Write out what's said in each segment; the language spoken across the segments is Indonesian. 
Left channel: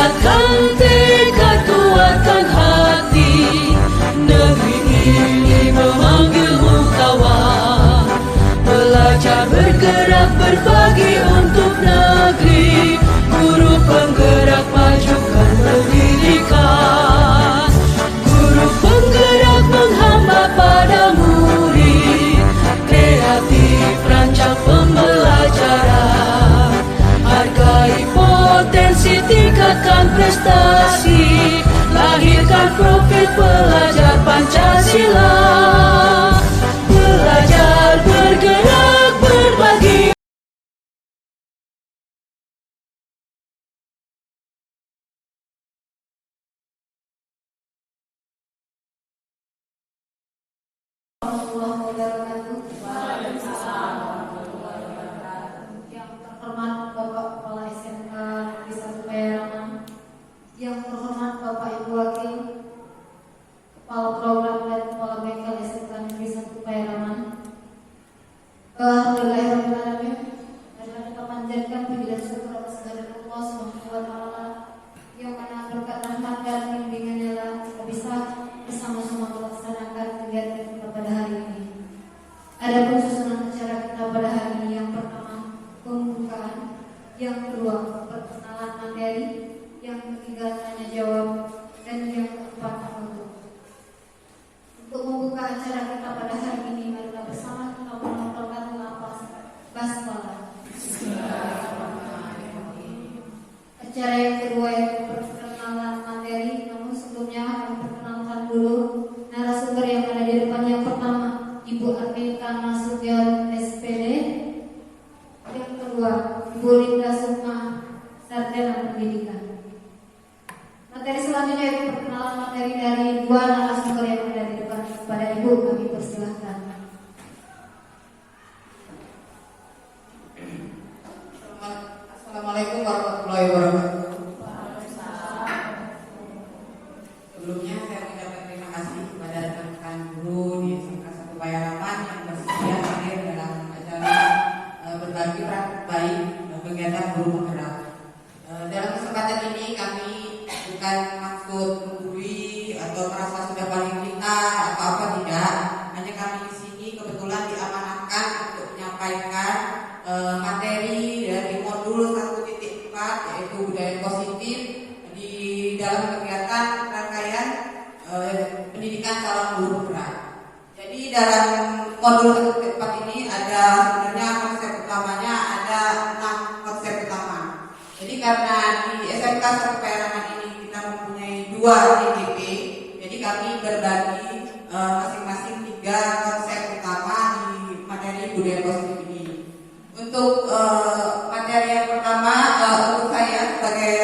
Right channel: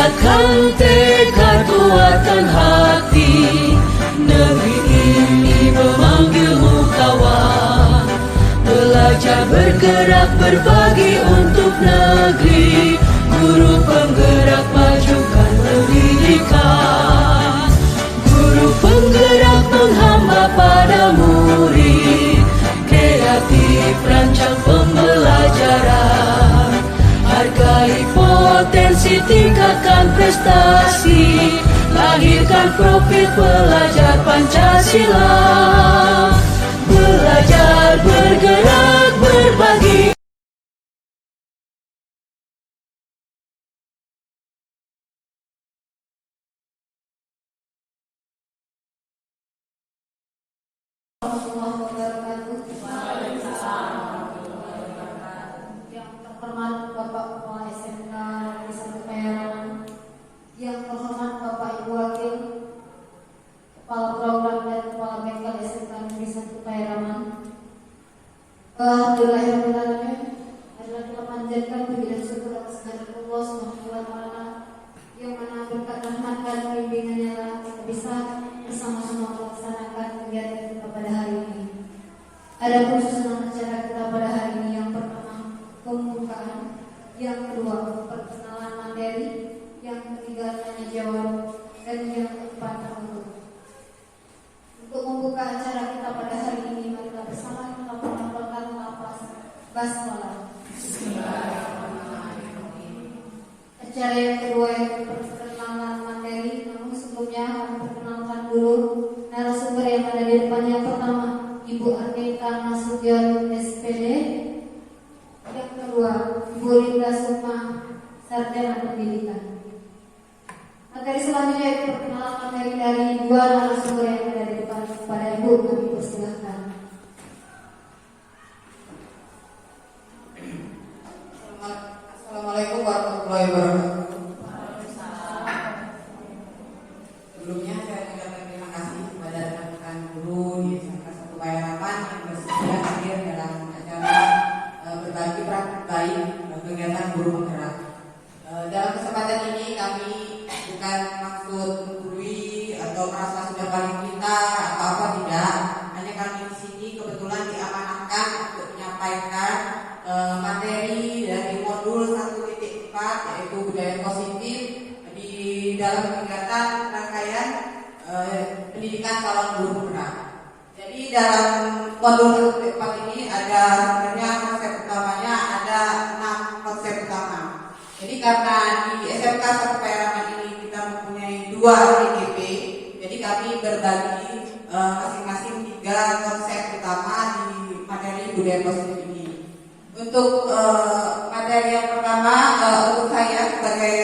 Tingkatkan tekad, kuatkan hati. Negeri ini memanggilmu kawan. Belajar bergerak berbagi untuk negeri. Guru penggerak majukan pendidikan. Guru penggerak menghamba pada murid. Kreatif rancang pembelajaran. Hargai potensi, tingkatkan prestasi. Lahirkan profil pelajar Pancasila. Belajar, bergerak, berbagi. Yang terhormat Bapak Kepala SMK Negeri 1 Payaraman, yang terhormat Bapak Ibu Wakil Kepala Program dan Kepala Bengkel SMK Negeri 1 Payaraman. Alhamdulillahirrahmanirrahim. Marilah kita panjatkan puji dan syukur atas kehadirat Allah Subhanahu wa taala yang mana berkat rahmat dan bimbingannya lah kita bisa bersama-sama melaksanakan kegiatan kita pada hari ini. Adapun susunan acara kita pada hari ini, yang pertama pembukaan, yang kedua perkenalan materi, yang ketiga tanya jawab, dan yang keempat penutup. Untuk membuka acara kita pada hari ini, marilah bersama kita menghafalkan lafaz basmalah. Acara yang kedua yaitu perkenalan materi, namun sebelumnya kami perkenalkan dulu narasumber yang ada di depan. Yang pertama Ibu Arnita Nasution, SPD. Yang kedua Ibu Linda Sukma, Sarjana Pendidikan. Materi selanjutnya yaitu perkenalan materi dari dua narasumber yang ada di depan. Kepada Ibu kami persilahkan. Assalamualaikum warahmatullahi wabarakatuh. Sebelumnya saya mengucapkan terima kasih kepada rekan-rekan guru di SMK 1 Payaraman yang bersedia hadir dalam acara berbagi praktik baik kegiatan guru penggerak. Dalam kesempatan ini kami bukan maksud menggurui atau merasa sudah paling pintar atau apa, tidak. Hanya kami di sini kebetulan diamanahkan untuk menyampaikan materi dari modul 1.4 yaitu budaya positif di dalam kegiatan rangkaian pendidikan calon guru penggerak. Jadi dalam modul 1.4 ini ada sebenarnya konsep utamanya ada 6 konsep utama. Jadi karena di SMK 1 Payaraman ini kita mempunyai 2 IGP, jadi kami berbagi masing-masing 3 konsep utama di materi budaya positif ini. Untuk materi yang pertama, untuk saya sebagai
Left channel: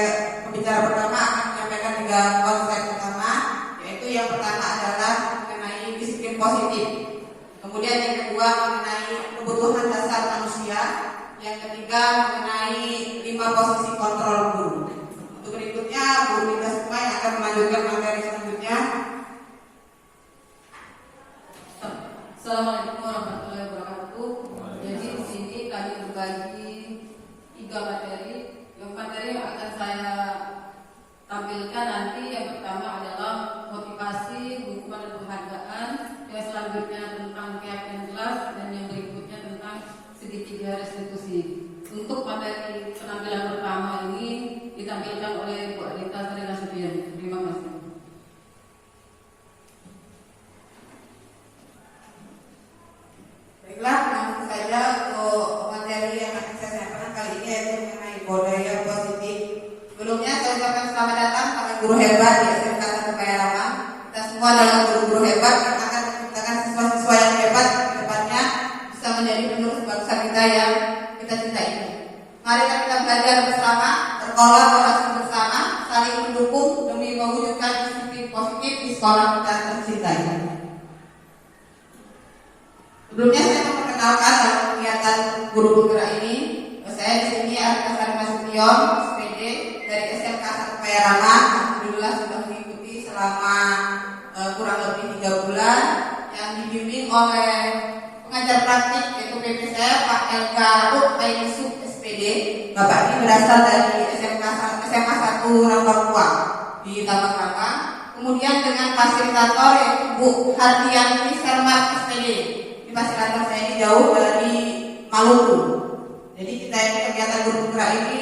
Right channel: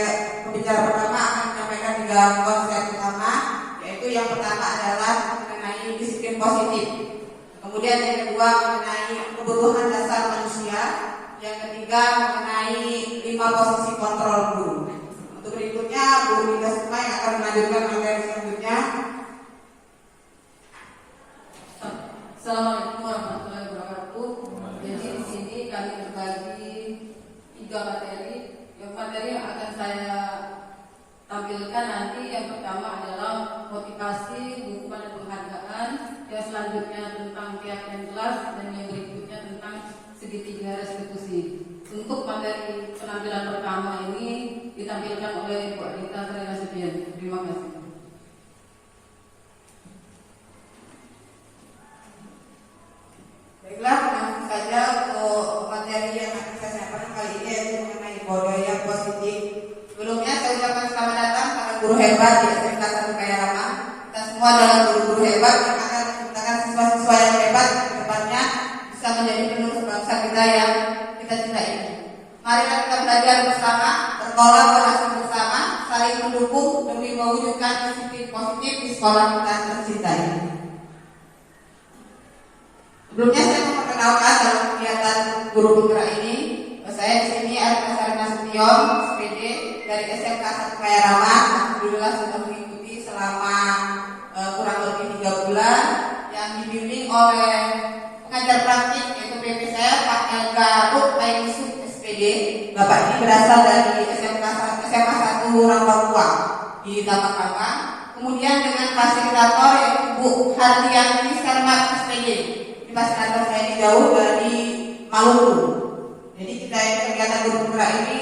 pembicara pertama akan menyampaikan 3 konsep utama, yaitu yang pertama adalah mengenai disiplin positif. Kemudian yang kedua mengenai kebutuhan dasar manusia. Yang ketiga mengenai 5 posisi kontrol guru. Untuk berikutnya Bu Linda Sukma akan melanjutkan materi selanjutnya. Assalamualaikum warahmatullahi wabarakatuh. Jadi di sini kami berbagi 3 materi. Yang materi yang akan saya tampilkan nanti, yang pertama adalah motivasi, hukuman dan penghargaan. Yang selanjutnya tentang keyakinan kelas, dan yang berikutnya tentang segitiga restitusi. Untuk materi penampilan pertama ini ditampilkan oleh Bu Arnita Nasution. Terima kasih. Baiklah, langsung saja untuk materi yang akan saya sampaikan kali ini yaitu mengenai budaya positif. Sebelumnya saya ucapkan selamat datang pada guru hebat di SMK 1 Payaraman. Kita semua adalah guru-guru hebat yang akan menciptakan siswa-siswa yang hebat ke depannya bisa menjadi penerus bangsa kita yang kita cintai ini. Mari kita belajar bersama, berkolaborasi bersama, saling mendukung demi mewujudkan disiplin positif di sekolah kita tercinta ini. Sebelumnya saya memperkenalkan dalam kegiatan guru penggerak ini. Saya di sini Arnita Nasution, SPD dari SMK 1 Payaraman. Alhamdulillah sudah mengikuti selama kurang lebih 3 bulan yang dibimbing oleh pengajar praktik yaitu PP saya Pak Elga Ruk Yusuf SPD. Bapak ini berasal dari SMK 1 SMA 1 Rambakua di Taman Kata. Kemudian dengan fasilitator yaitu Bu Hardiani Sarmat SPD di fasilitator saya ini jauh dari Maluku. Jadi kita kegiatan guru penggerak ini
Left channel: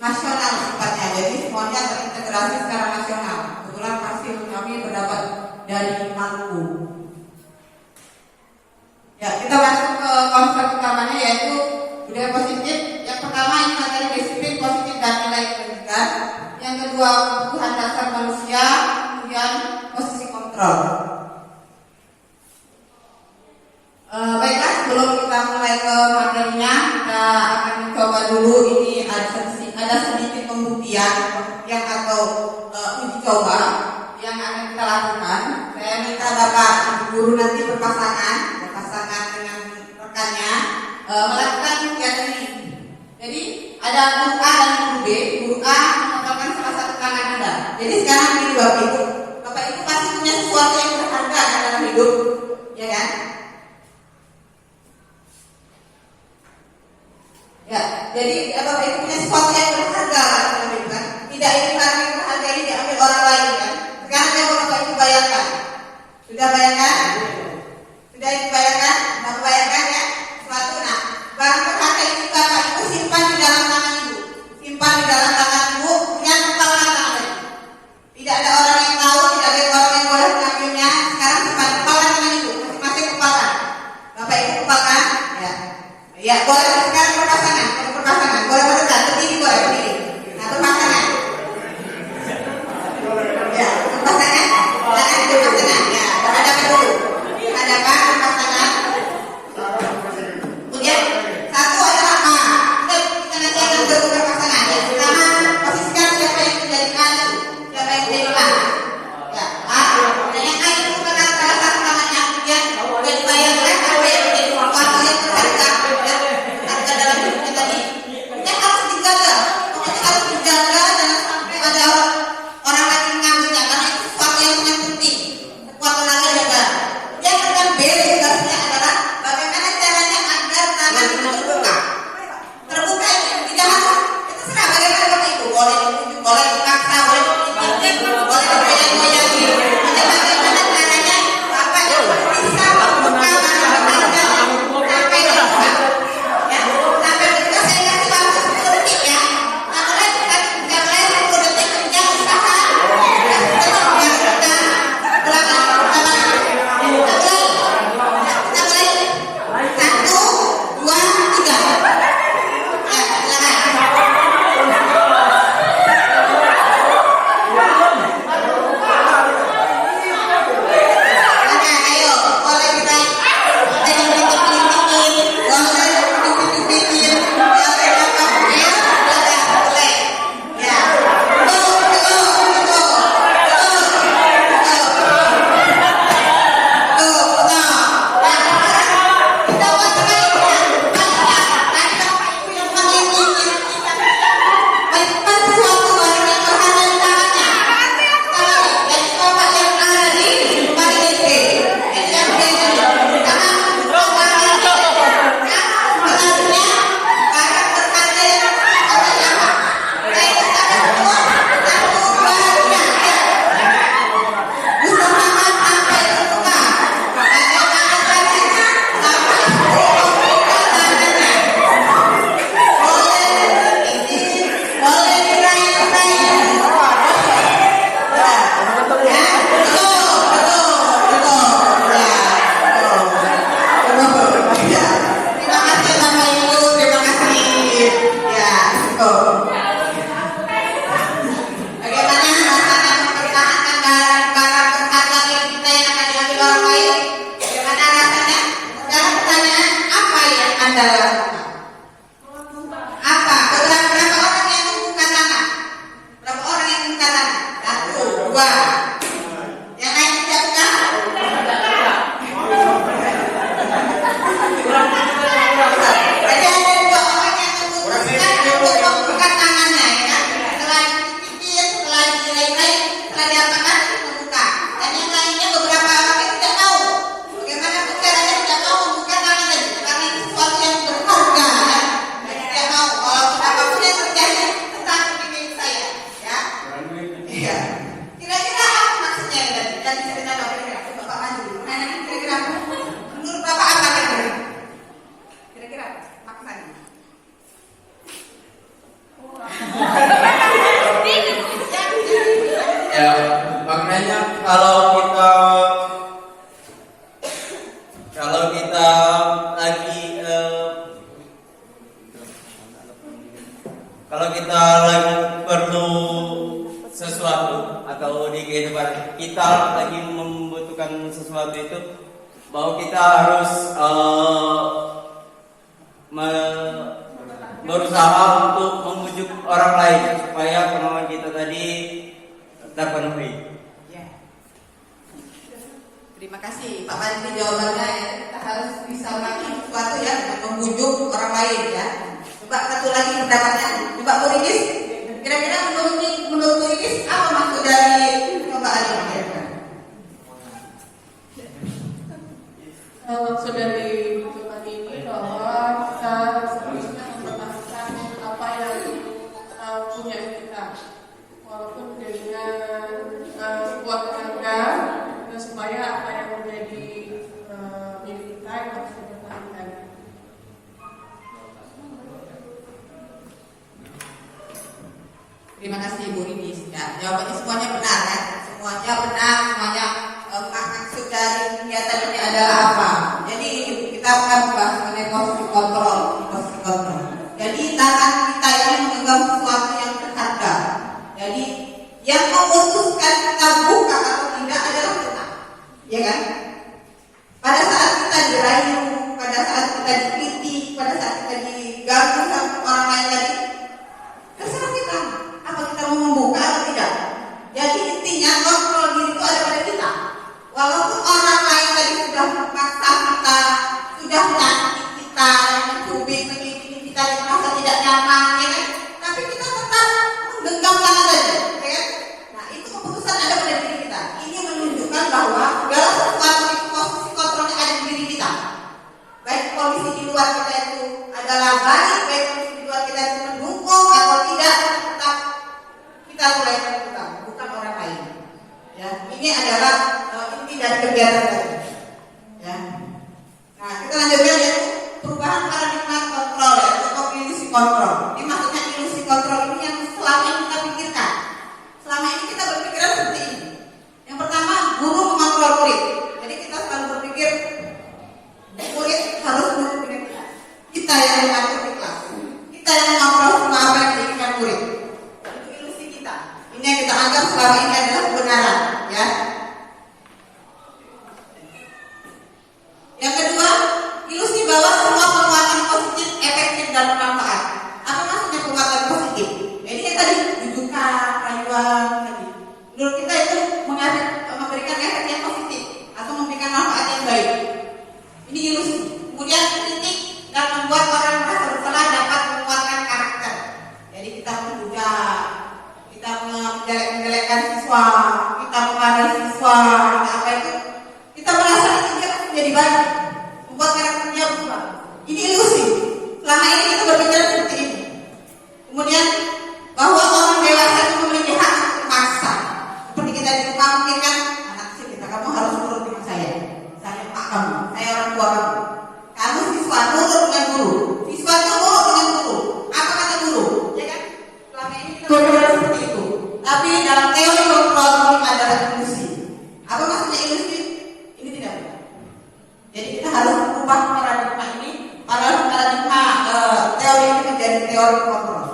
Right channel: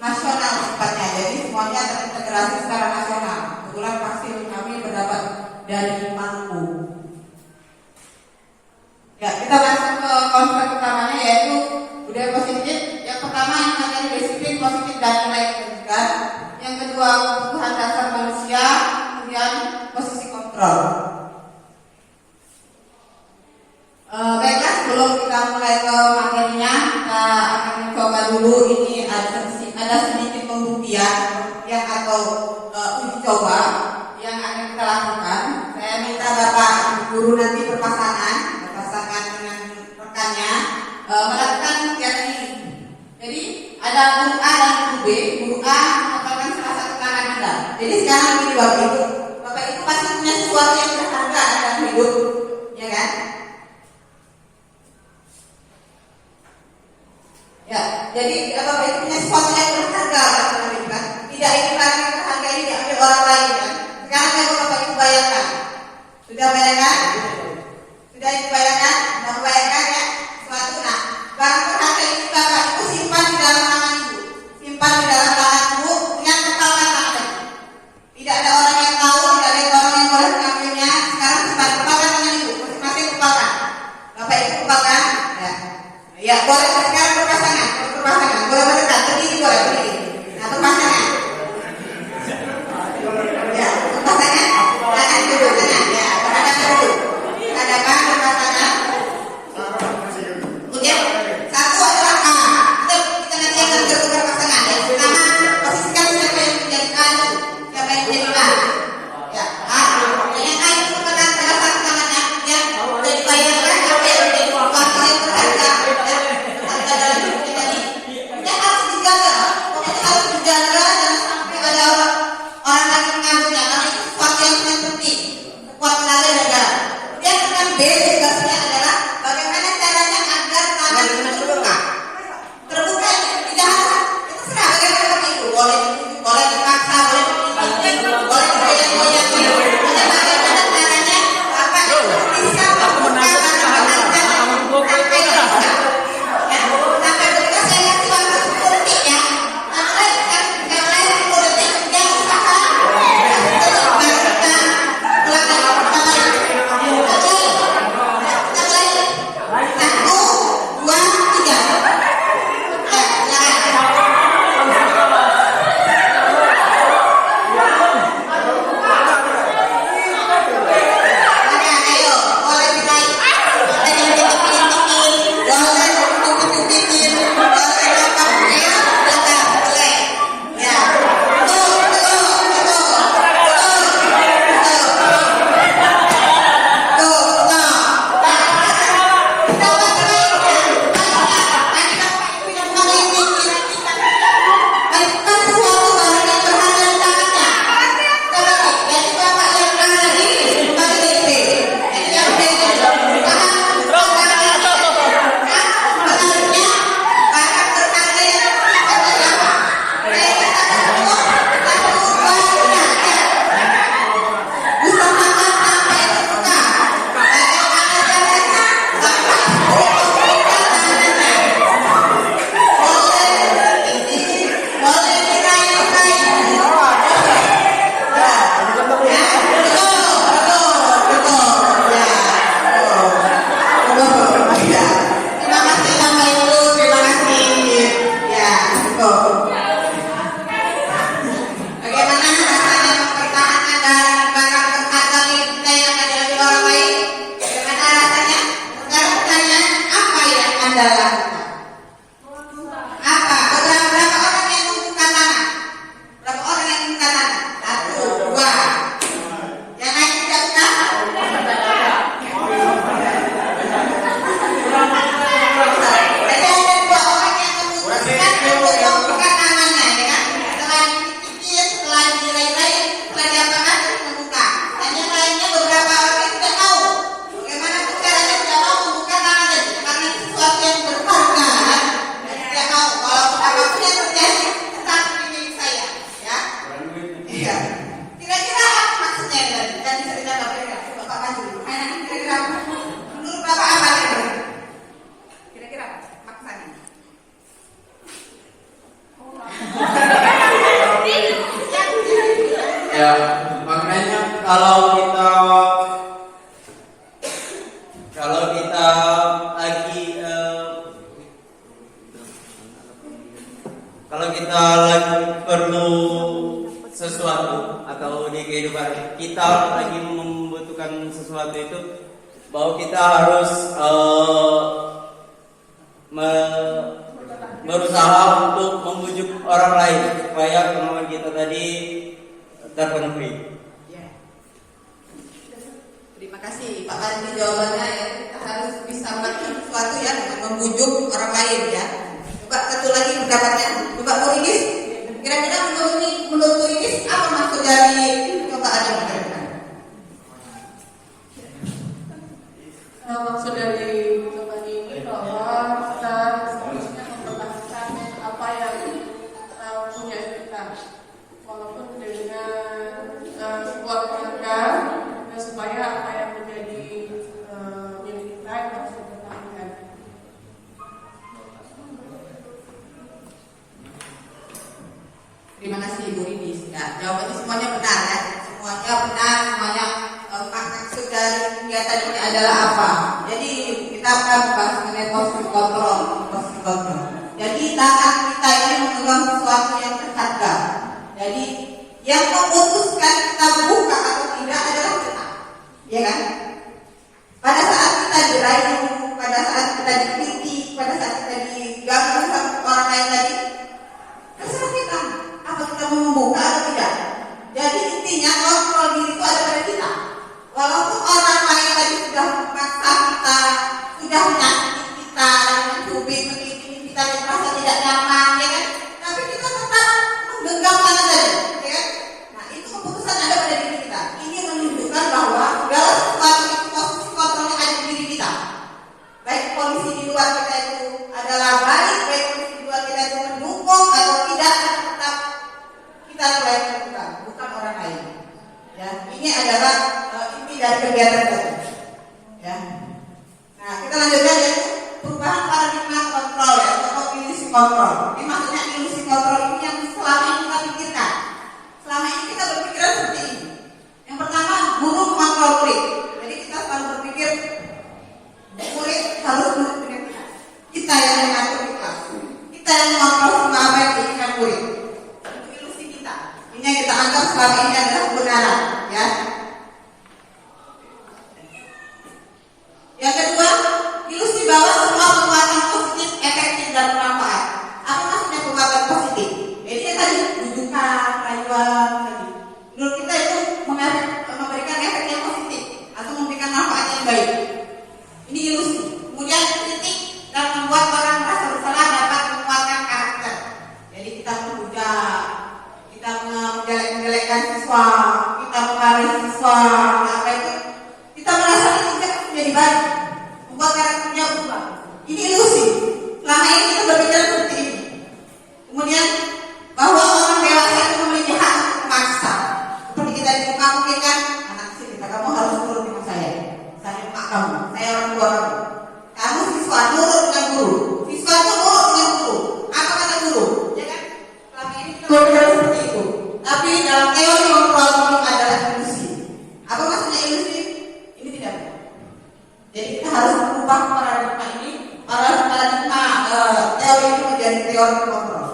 nasional sifatnya, jadi semuanya terintegrasi secara nasional. Kebetulan hasil kami berdapat dari Maluku. Ya, kita masuk ke konsep utamanya yaitu budaya positif. Yang pertama yang materi disiplin positif dan nilai pendidikan. Yang kedua kebutuhan dasar manusia. Kemudian posisi kontrol. Baiklah, sebelum kita mulai ke materinya, kita akan mencoba dulu. Ini ada sedikit pembuktian yang atau uji coba yang akan kita lakukan. Saya minta Bapak guru nanti berpasangan dengan rekannya melakukan kegiatan ini. Jadi ada guru A dan guru B. Guru A mengatakan salah satu tangan Anda. Jadi sekarang ini Bapak Ibu pasti punya sesuatu yang berharga dalam hidup, ya kan? Ya, jadi Bapak Ibu punya sesuatu yang berharga dalam hidup, kan? Tidak ingin barang yang berharga ini diambil orang lain, kan? Sekarang coba Bapak Ibu bayangkan. Sudah bayangkan? Sudah dibayangkan? Sudah membayangkan ya? Suatu barang berharga ini Bapak Ibu simpan di dalam tangan Ibu. Simpan di dalam tangan Ibu dengan kepalkan tangan. Tidak ada orang yang tahu, tidak ada orang yang boleh mengambilnya. Sekarang simpan kepalkan tangan Ibu. Masing-masing kepalkan. Bapak Ibu kepalkan? Ya. Ya, boleh sekarang berpasangan. Boleh berdekat, berdiri boleh berdiri. Nah, berpasangan. Ya, berpasangan. Tangan berpasangan. Ya, berhadap dulu. Hadapan berpasangan. Kemudian satu adalah A. Kita nanti akan bertukar pasangan. Ya, pertama posisikan siapa yang menjadi A itu, siapa yang menjadi A. Ya, A. Dan yang A itu memegang salah satu tangannya. Kemudian sudah dibayangkan apa yang menjadi sesuatu yang berharga. Berharga dalam hidup kita ini. Kemudian harus dijaga. Pokoknya harus dijaga jangan sampai ada orang lain mengambilnya karena itu sesuatu yang sangat penting. Kuat tenaga jaga. Kemudian dengan B tugasnya adalah bagaimana caranya agar tangan itu terbuka. Terbuka ini tidak harus itu serah bagaimana Bapak Ibu boleh dipaksa, boleh diizinkan, boleh digoyang-goyang. Jadi bagaimana caranya Bapak Ibu bisa membuka tangan berharga sampai terbuka. Ya, sampai terbuka saya kasih waktu 10 detik ya. Mulai 10 detik kemudian usaha. Ya, makanya kalau kita lagi perlu sesuatu atau di kehidupan kita lagi membutuhkan sesuatu itu, bahwa kita harus berusaha untuk membujuk orang lain supaya kemauan kita tadi terpenuhi. Ya. Terima kasih Pak Bandi jawabannya ya. Kita harus bisa melakukan sesuatu ya untuk membujuk orang lain ya. Coba satu lagi pendapatnya. Coba Bu Rinis, kira-kira menurut Bu Rinis apa maksud dari percobaan ini? Maksud dari percobaan ini bahwa kita seharusnya mempertahankan apa yang punya kita, walaupun dengan sebuah tenaga, dan supaya apa yang menjadi milik kita yang harus dipertahankan. Terima kasih Bu Rinis. Ya, jawabannya semuanya benar ya. Semuanya benar, semuanya maksud dari kegiatan ini adalah apa? Jadi kita akan bahas mengenai posisi kontrol. Jadi tangan kita ini memegang sesuatu yang berharga. Jadi yang memutuskan kita buka atau tidak adalah kita, ya kan? Pada saat kita dirayu, pada saat kita dikritik, pada saat kita diganggu sama orang lain tadi, terserah kita. Apa kita mau membuka atau tidak? Jadi intinya kontrol diri itu ada pada kita. Walaupun orang lain tadi sudah memaksa kita, sudah menyakiti kita, mencubit, menyakiti kita, dan merasa tidak nyaman, ya kan? Tapi kita tetap menggenggam tangan saja, ya kan? Nah, itu keputusan ada pada diri kita. Ini menunjukkan bahwa segala sesuatu itu posisi kontrolnya ada di diri kita. Baik kondisi di luar kita itu adalah baik kondisi di luar kita itu mendukung atau tidak, tetap kita mulai menentukan, bukan orang lain. Ya, ini adalah inti dari kegiatan tadi. Ya. Nah, kita lanjutkan yaitu perubahan paradigma kontrol ya, atau ilusi kontrol. Ini maksudnya ilusi kontrol ini yang selama ini kita pikirkan. Selama ini kita berpikiran seperti ini. Yang pertama, guru mengontrol murid. Jadi kita selalu berpikir murid harus menurut dengan kita. Kita yang mengatur di kelas. Kita yang mengontrol semua apa yang diinginkan murid. Itu ilusi kita. Ini yang kita anggap selama ini adalah kebenaran, ya. Yang kedua, ilusi bahwa semua perbuatan positif efektif dan bermanfaat. Apa maksudnya perbuatan positif? Jadi yang tadi rujukan, rayuan tadi. Menurut kita itu memberikan efek yang positif atau memberikan manfaat yang baik. Ini ilusi. Kemudian kritik dan membuat orang merasa bersalah dapat menguatkan karakter. Jadi kita menghujat, kita menjelek-jelekkan siswa, kita memarahi siswa, apa itu? Kita merasa ini dia menjadi baik, membuat karakternya berubah. Ini ilusi. Selama ini kita berbicara seperti ini. Kemudian bahwa orang dewasa itu memiliki hak memaksa. Seperti kita di rumah mungkin kan, anak kecil kita, kamu harus nurut dengan saya emak kamu, saya orang tua kamu. Kamu siswa nurut dengan guru, siswa nurut dengan guru. Apa kata guru? Ya kan? Selama ini kita berbicara seperti itu. Tapi dalam teori kontrol ini adalah ilusi. Apa maksudnya ilusi? Ini tidak benar. Jadi kita harus mengubah paradigma ini, paradigma teori ini menjadi teori kontrol.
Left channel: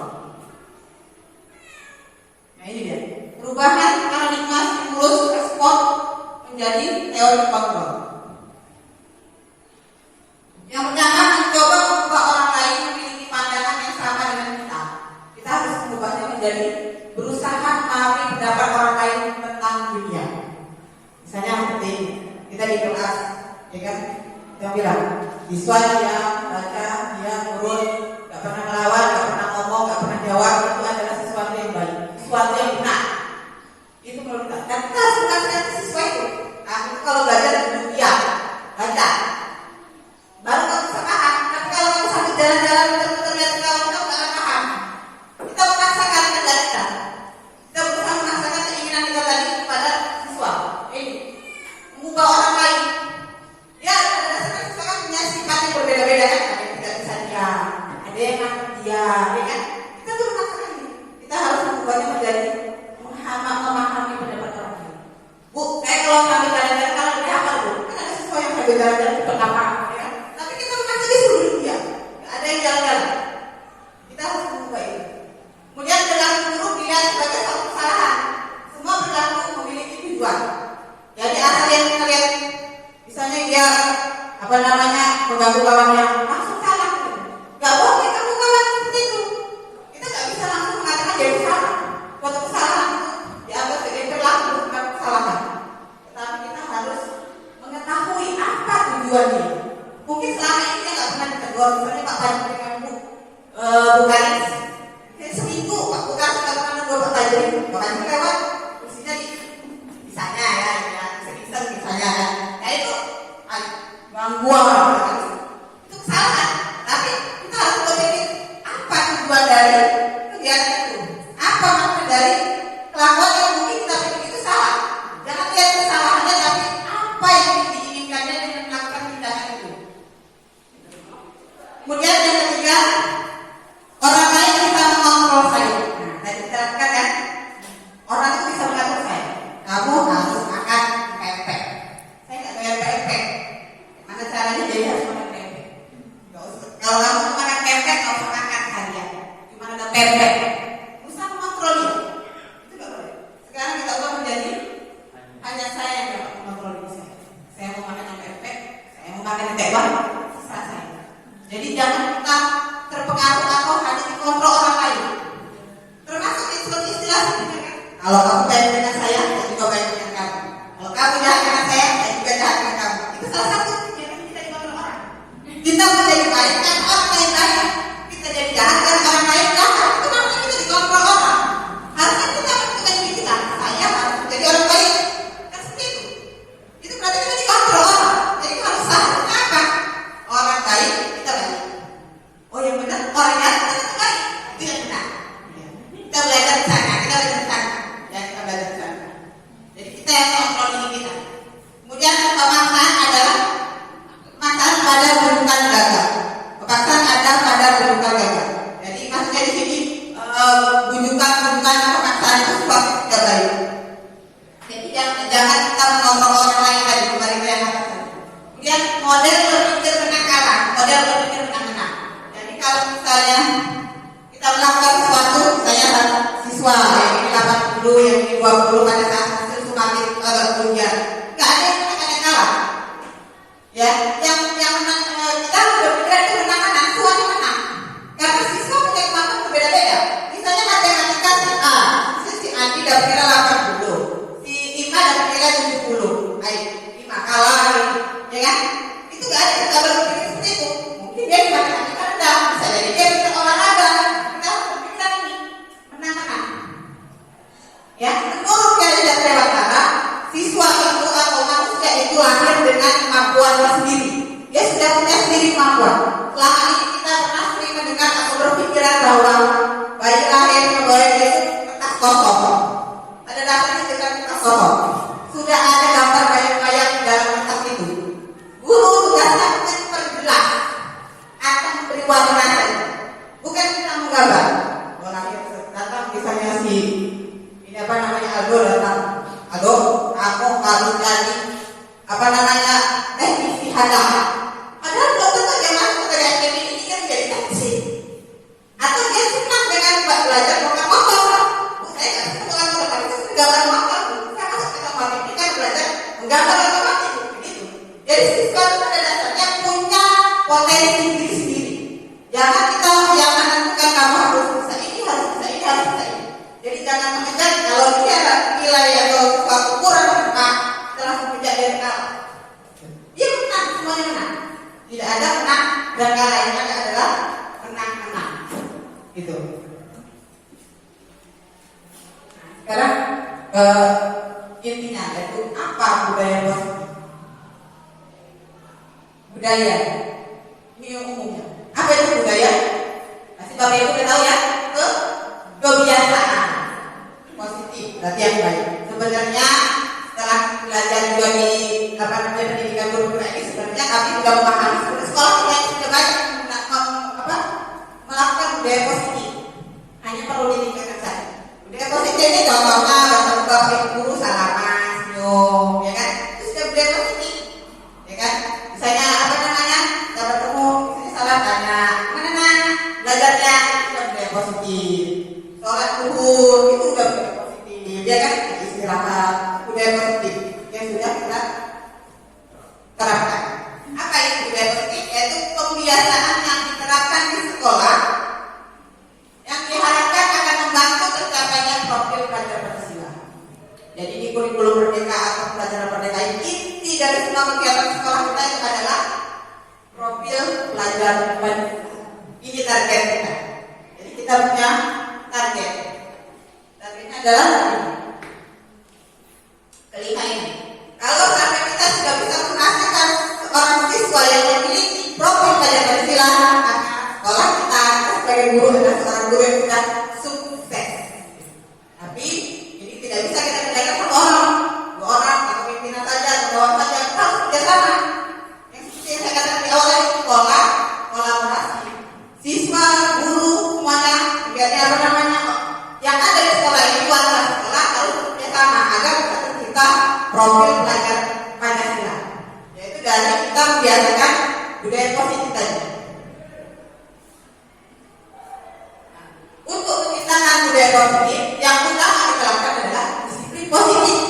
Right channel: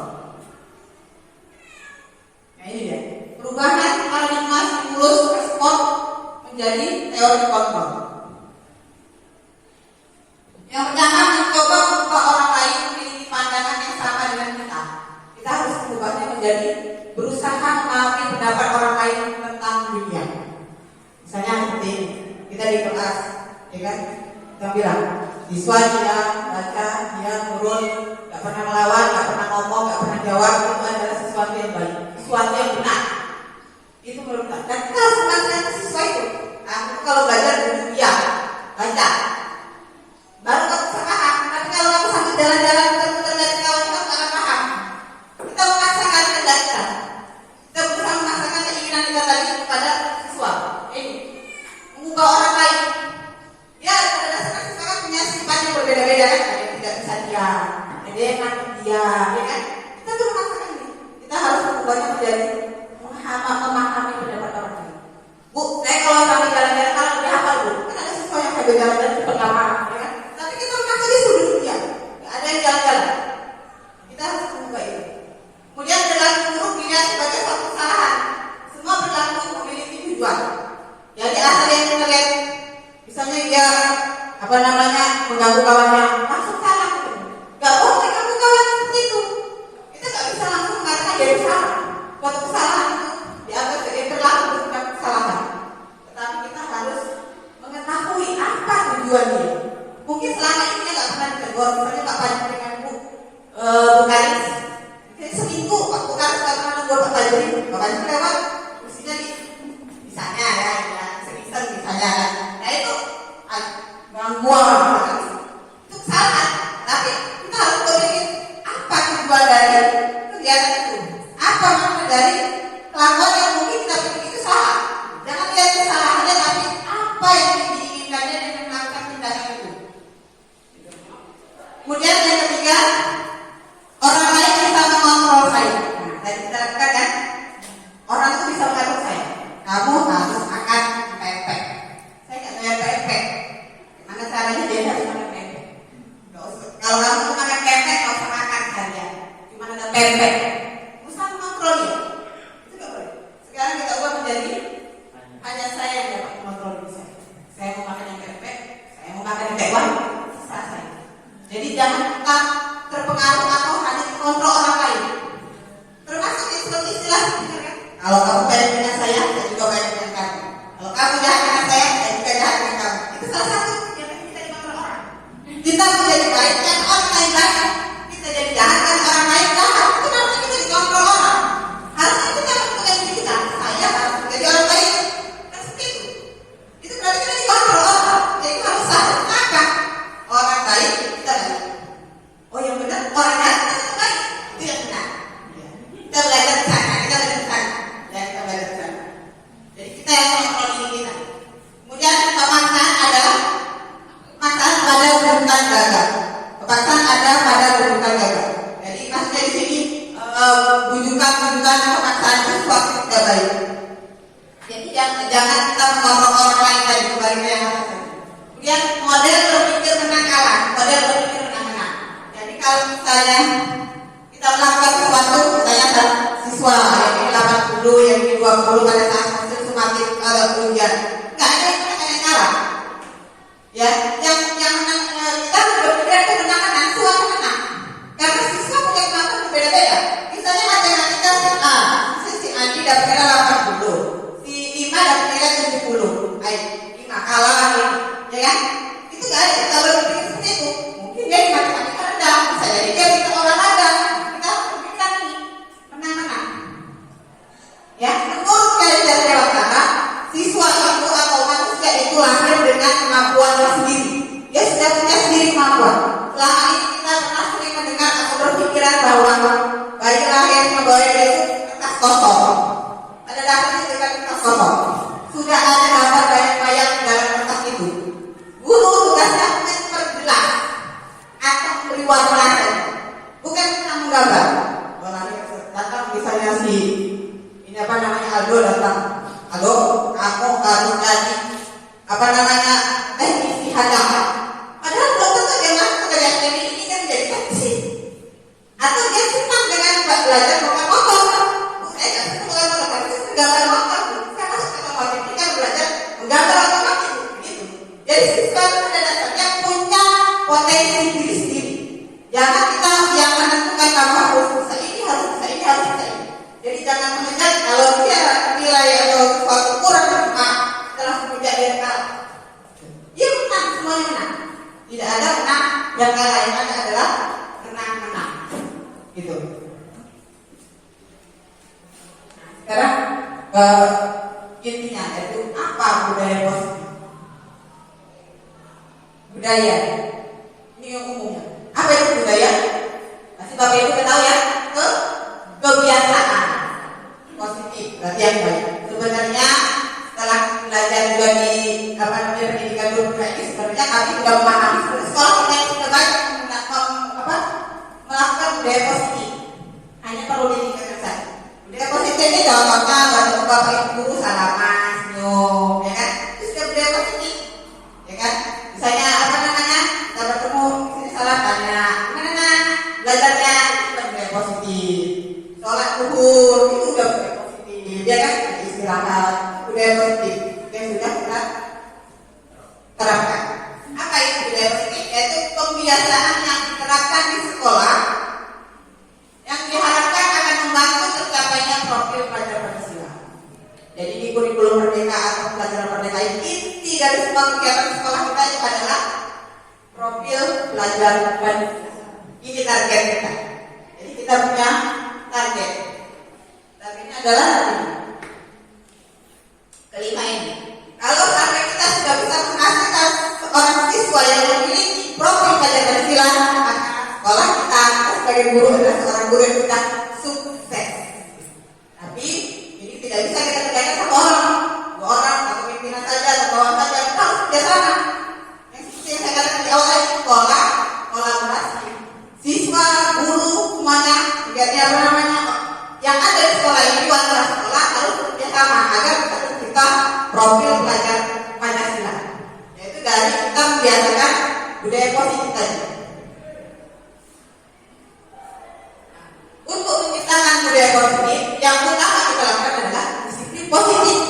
Nah ini dia, perubahan paradigma stimulus respon menjadi teori kontrol. Yang pertama, mencoba mengubah orang lain memiliki pandangan yang sama dengan kita. Kita harus mengubahnya menjadi berusaha memahami pendapat orang lain tentang dunia. Misalnya seperti kita di kelas, ya kan? Kita bilang, siswa dia baca, dia nurut, gak pernah melawan, gak pernah ngomong, gak pernah jawab, itu adalah sesuatu yang baik, sesuatu yang benar. Itu menurut kita. Dan kita harus mengatakan siswa itu. Aku kalau belajar duduk dia, baca. Baru kamu bisa paham. Tapi kalau kamu sambil jalan-jalan muter-muter lihat kawan kamu gak akan paham. Kita memaksakan kehendak kita. Kita berusaha memaksakan keinginan kita tadi kepada siswa. Ini mengubah orang lain. Ya, pada dasarnya siswa kan punya sifat yang berbeda-beda kan. Ada yang tidak bisa dia, ada yang nakut dia, ya kan? Kita tuh memaksakan ini. Kita harus mengubahnya menjadi memahami pendapat suatu kesalahan itu dianggap sebagai berlaku bukan kesalahan. Tetapi kita harus mengetahui apa tujuannya. Mungkin selama ini nggak pernah ditegur, misalnya Pak Bani dengan Bu Karis, seminggu Pak Karis nggak pernah negur Pak Bani, Pak Bani lewat, kursinya misalnya ya, semisal misalnya, nah itu ganggu orang. Itu kesalahan, tapi kita harus berpikir apa tujuan dari kegiatan itu, apa makna dari kelakuan yang mungkin kita pikir itu salah. Jangan lihat kesalahannya, tapi apa yang diinginkannya dengan melakukan tindakan itu. Kemudian yang ketiga, orang lain bisa mengontrol saya. Nah, tadi kita katakan ya, orang itu bisa mengatur saya. Kamu harus makan pempek. Saya nggak doyan pempek. Gimana caranya jadi harus makan pempek? Kalau kamu makan pempek, nggak usah makan harian. Cuma ada pempek. Usah mengontrol ya. Itu nggak boleh. Sekarang kita ubah menjadi hanya saya yang dapat mengontrol diri saya. Saya mau makan yang pempek, saya mau makan yang tekwan, terserah saya. Jadi jangan kita terpengaruh atau hanya mengontrol orang lain. Termasuk istilah sebenarnya kan. Kalau kamu baik dengan saya juga baik dengan kamu. Kalau kamu jahat dengan saya juga jahat dengan kamu. Itu salah satu kegiatan kita dikontrol orang. Kita menjadi baik dengan orang lain baik. Kita jadi jahat dengan orang lain jahat. Itu namanya kita dikontrol orang. Harusnya kita menentukan diri kita. Saya harus menjadi orang baik. Kan seperti itu. Itu berarti kita dikontrol orang. Jadi itu harus sadar apa? Orang baik kita baik. Oh yang benar orang jahat kita baik. Itu yang benar. Kita belajar di sana. Kita belajar di sana. Ya kita belajar di sana. Jadi kita yang kontrol diri kita. Kemudian pemaksaan adalah pemaksaan pada bukan gagal. Pemaksaan ada pada bukan gagal. Jadi maksudnya di sini bujukan pemaksaan itu suatu tidak baik. Jadi jangan kita mengontrol orang lain tadi kembali ke yang atas. Kemudian model berpikir menang kalah, model berpikir menang. Jadi kalau misalnya kita melakukan sesuatu, misalnya siswa yang ini 80, yang ini 20 pada saat hasil semakin ujian, nggak ada yang kalah. Ya, yang menang kita berpikir itu menang-menang, sesuatu menang. Karena siswa punya kemampuan berbeda-beda. Misalnya matematika si Adi dapat nilai 80, si Ima dapat nilai 70. Ayo, Ima kalah, ya kan? Itu nggak ada kita berpikir seperti itu. Mungkin dia di matematika rendah, bisa jadi dia bisa olahraga. Kita harus berpikir ini menang-menang. Ya, menurut dari lewat kata, siswa itu atau manusia itu lahir dengan kemampuannya sendiri. Dia sudah punya sendiri kemampuan. Selama ini kita pernah sering mendengar atau berpikiran bahwa bayi lahir membawa itu kertas kosong. Pada dasarnya dengan kertas kosong. Sudah ada gambar bayang-bayang dalam kertas itu. Guru tugasnya memperjelas atau memberi warna, bukan kita menggambar. Kalau lahir datang misalnya si ini apa namanya Aldo datang, Aldo, aku harus jadi apa namanya teknisi hadapan. Padahal belum tentu dia masuk ke dalam ini kan menjadi teknisi. Atau dia senang dengan belajar motor kan? Saya nggak senang dengan motor, itu gambar motor. Saya masuk ke otomotif, kita belajar menggambar otomotif, begitu. Jadi siswa pada dasarnya punya potensi diri sendiri. Jangan kita yang menentukan kamu harus bisa ini, harus bisa ini, harus bisa ini. Jadi jangan mengejar kalau dia nilai atau sesuatu kurang berkah setelah mengejar dia kalah. Dia menang, semuanya menang. Tidak ada menang dan kalah, yang ada adalah menang-menang. Gitu. Nah, sekarang intinya yaitu apa budaya positif? Budaya ini yang umumnya. Apa itu budaya? Masih Bapak Ibu tahu ya? Kebiasaan positif, berarti yang baik. Sebenarnya setelah belajar juga di pendidikan guru ini, sebenarnya kami sudah memahami sekolah kita sudah banyak melakukan budaya positif. Hanya perlu diingatkan saja. Budaya positif ini gampangnya Bapak Ibu guru salaman, senyum, ya kan? Itu sudah budaya positif, ya kan? Misalnya apa namanya? Kita bertemu, misalnya salah tanya, gimana belajarnya? Itu sudah budaya positif. Sholat zuhur itu sudah budaya positif, ya kan? Istirahat, budaya positif yang sudah kita terapkan. Apa itu budaya positif? Yaitu kebiasaan yang diterapkan di sekolah yang diharapkan akan membantu tercapainya profil pelajaran Pancasila. Jadi di kurikulum merdeka atau pelajaran merdeka inti dari semua kegiatan sekolah kita itu adalah profil pelajar Pancasila. Ini target kita. Jadi kita punya target. Targetnya adalah kelima ini. Kalau sampai kita sudah bisa menghasilkan seorang siswa yang memiliki profil pelajar Pancasila, maka sekolah kita sebagai guru adalah seorang guru yang sudah sukses. Tapi ini tidak bisa kita kerjakan satu orang, dua orang, atau pimpinan saja, atau bawah saja. Kita harus kerjasama. Yang seperti yang saya katakan di awal ini, sekolah kolaborasi. Siswa, guru, semuanya, yang ada di sekolah ini, warga sekolah harus bekerjasama agar kita tercipta profil pelajar Pancasila. Yaitu dari kita membiasakan budaya positif tadi. Untuk menciptakan budaya positif, yang utama kita lakukan adalah disiplin positif.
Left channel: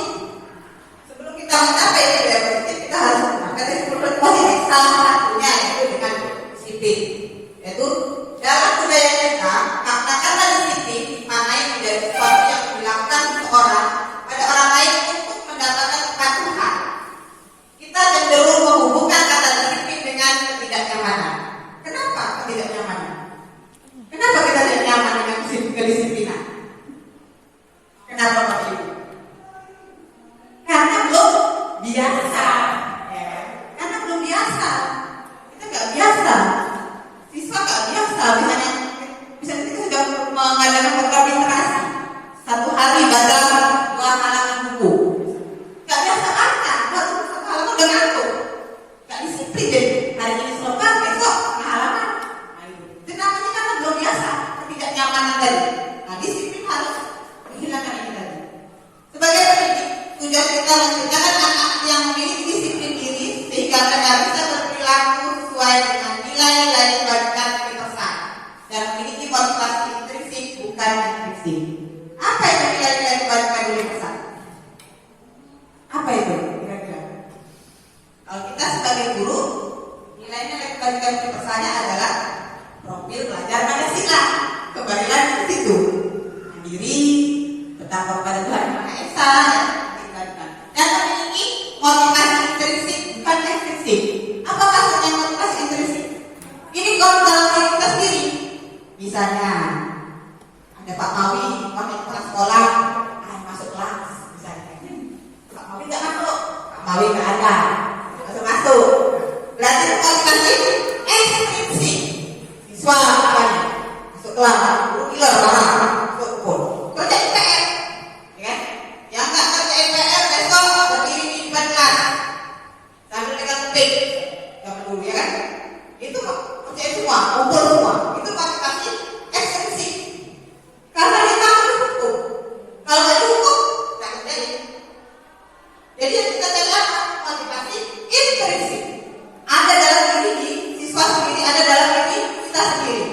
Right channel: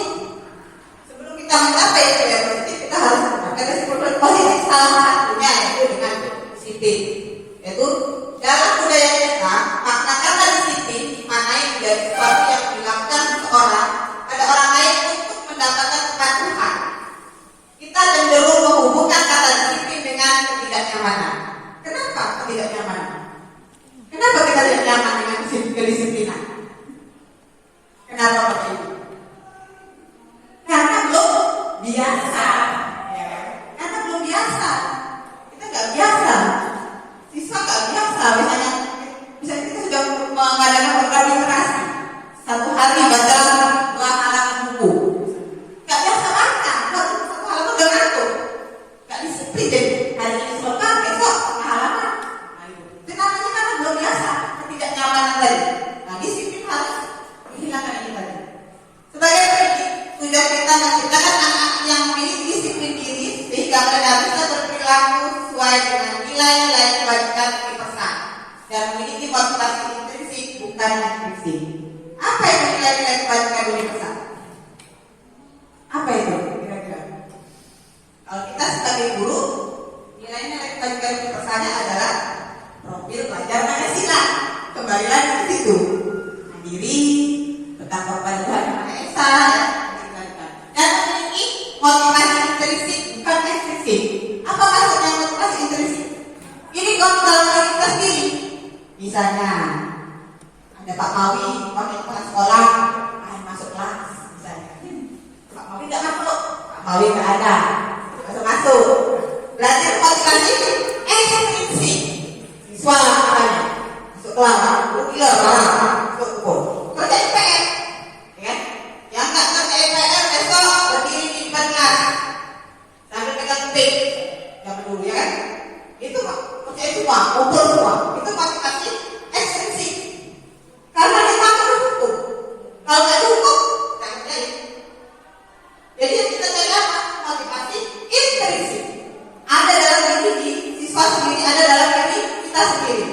Sebelum kita mencapai budaya positif, kita harus menggunakan disiplin positif. Salah satunya yaitu dengan disiplin. Yaitu dalam budaya kita, maknakanlah disiplin maknai menjadi sesuatu yang dilakukan seseorang pada orang lain untuk mendapatkan kepatuhan. Kita cenderung menghubungkan kata disiplin dengan ketidaknyamanan. Kenapa ketidaknyamanan? Kenapa kita tidak nyaman dengan kedisiplinan? Kenapa Bapak Ibu? Karena belum biasa. Karena belum biasa. Kita nggak biasa. Siswa nggak biasa. Misalnya kita sudah mengadakan program literasi. Satu hari baca 2 halaman buku. Nggak biasa baca. Baru 1 halaman udah ngantuk. Nggak disiplin jadi hari ini selesai, besok 5 halaman. Itu namanya karena belum biasa, ketidaknyamanan tadi. Nah, disiplin harus menghilangkan ini tadi. Sebagai pendidik, sudah kita menciptakan anak yang memiliki disiplin diri sehingga mereka bisa berperilaku sesuai dengan nilai-nilai kebajikan universal dan memiliki motivasi intrinsik bukan ekstrinsik. Apa itu nilai-nilai kebajikan universal? Apa itu kira-kira? Kalau kita sebagai guru, nilai-nilai kebajikan universalnya adalah profil pelajar Pancasila. Kembali lagi ke situ. Mandiri, bertakwa pada Tuhan Yang Maha Esa, dan memiliki motivasi intrinsik bukan ekstrinsik. Apa maksudnya motivasi intrinsik? Ini kalau dalam diri kita sendiri. Misalnya ada Pak Mawi, kepala sekolah, masuk kelas, misalnya. Pak Mawi nggak masuk, Pak Mawi nggak ada, masuk. Berarti motivasi ekstrinsik. Siswa masuk kelas, gila orang masuk kebun, kerja IPR, ya kan? Yang nggak kerja IPR besok berdiri di depan kelas sambil pegang pik, jangan dulu ya kan? Itu kerja semua, kumpul semua, itu motivasi ekstrinsik. Karena kita harus hukum, kalau nggak hukum, nggak kerjain. Jadi yang kita cari motivasi intrinsik. Ada dalam diri siswa sendiri, ada dalam diri kita sendiri.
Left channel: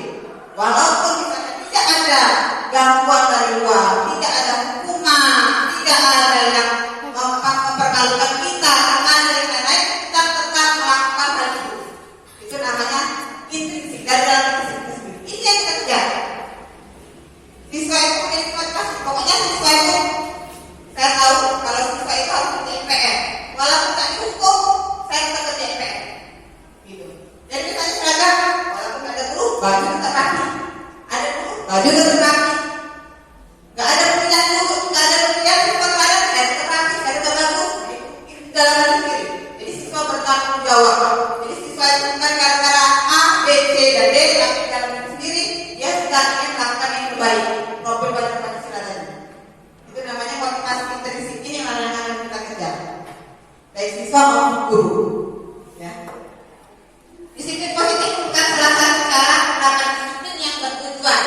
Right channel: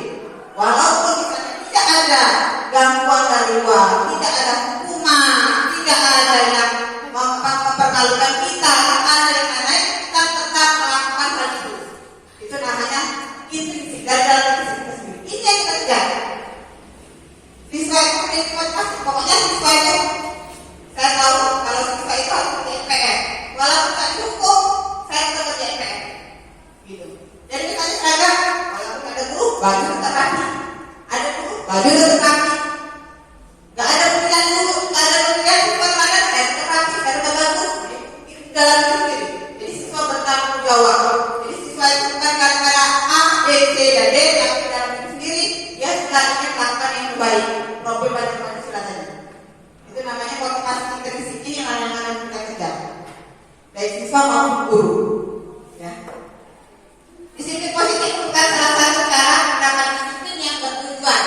Walaupun misalnya tidak ada gangguan dari luar, tidak ada hukuman, tidak ada yang mempermalukan kita, ada yang lain, kita tetap melakukan hal itu. Itu namanya intrinsik dari dalam diri kita sendiri. Ini yang kita kejar. Siswa itu motivasi, pokoknya siswa itu saya tahu kalau siswa itu harus kerja IPR. Walaupun tak cukup, saya tetap kerja IPR. Gitu. Jadi misalnya seragam, walaupun ada guru, baju tetap rapi. Ada guru, baju tetap rapi. Gak ada pemilihan guru, gak ada pemilihan siswa lain, gak ada rapi, gak ada bagus. Itu dalam diri sendiri. Jadi siswa bertanggung jawab. Jadi siswa itu bukan gara-gara A, B, C, dan D, tapi dalam diri sendiri dia sudah ingin melakukan yang terbaik. Profil pada Pancasila tadi. Itu namanya motivasi intrinsik. Ini yang akan kita kejar. Baik siswa maupun guru. Ya. Disiplin positif bukan salah satu cara menerapkan disiplin yang bertujuan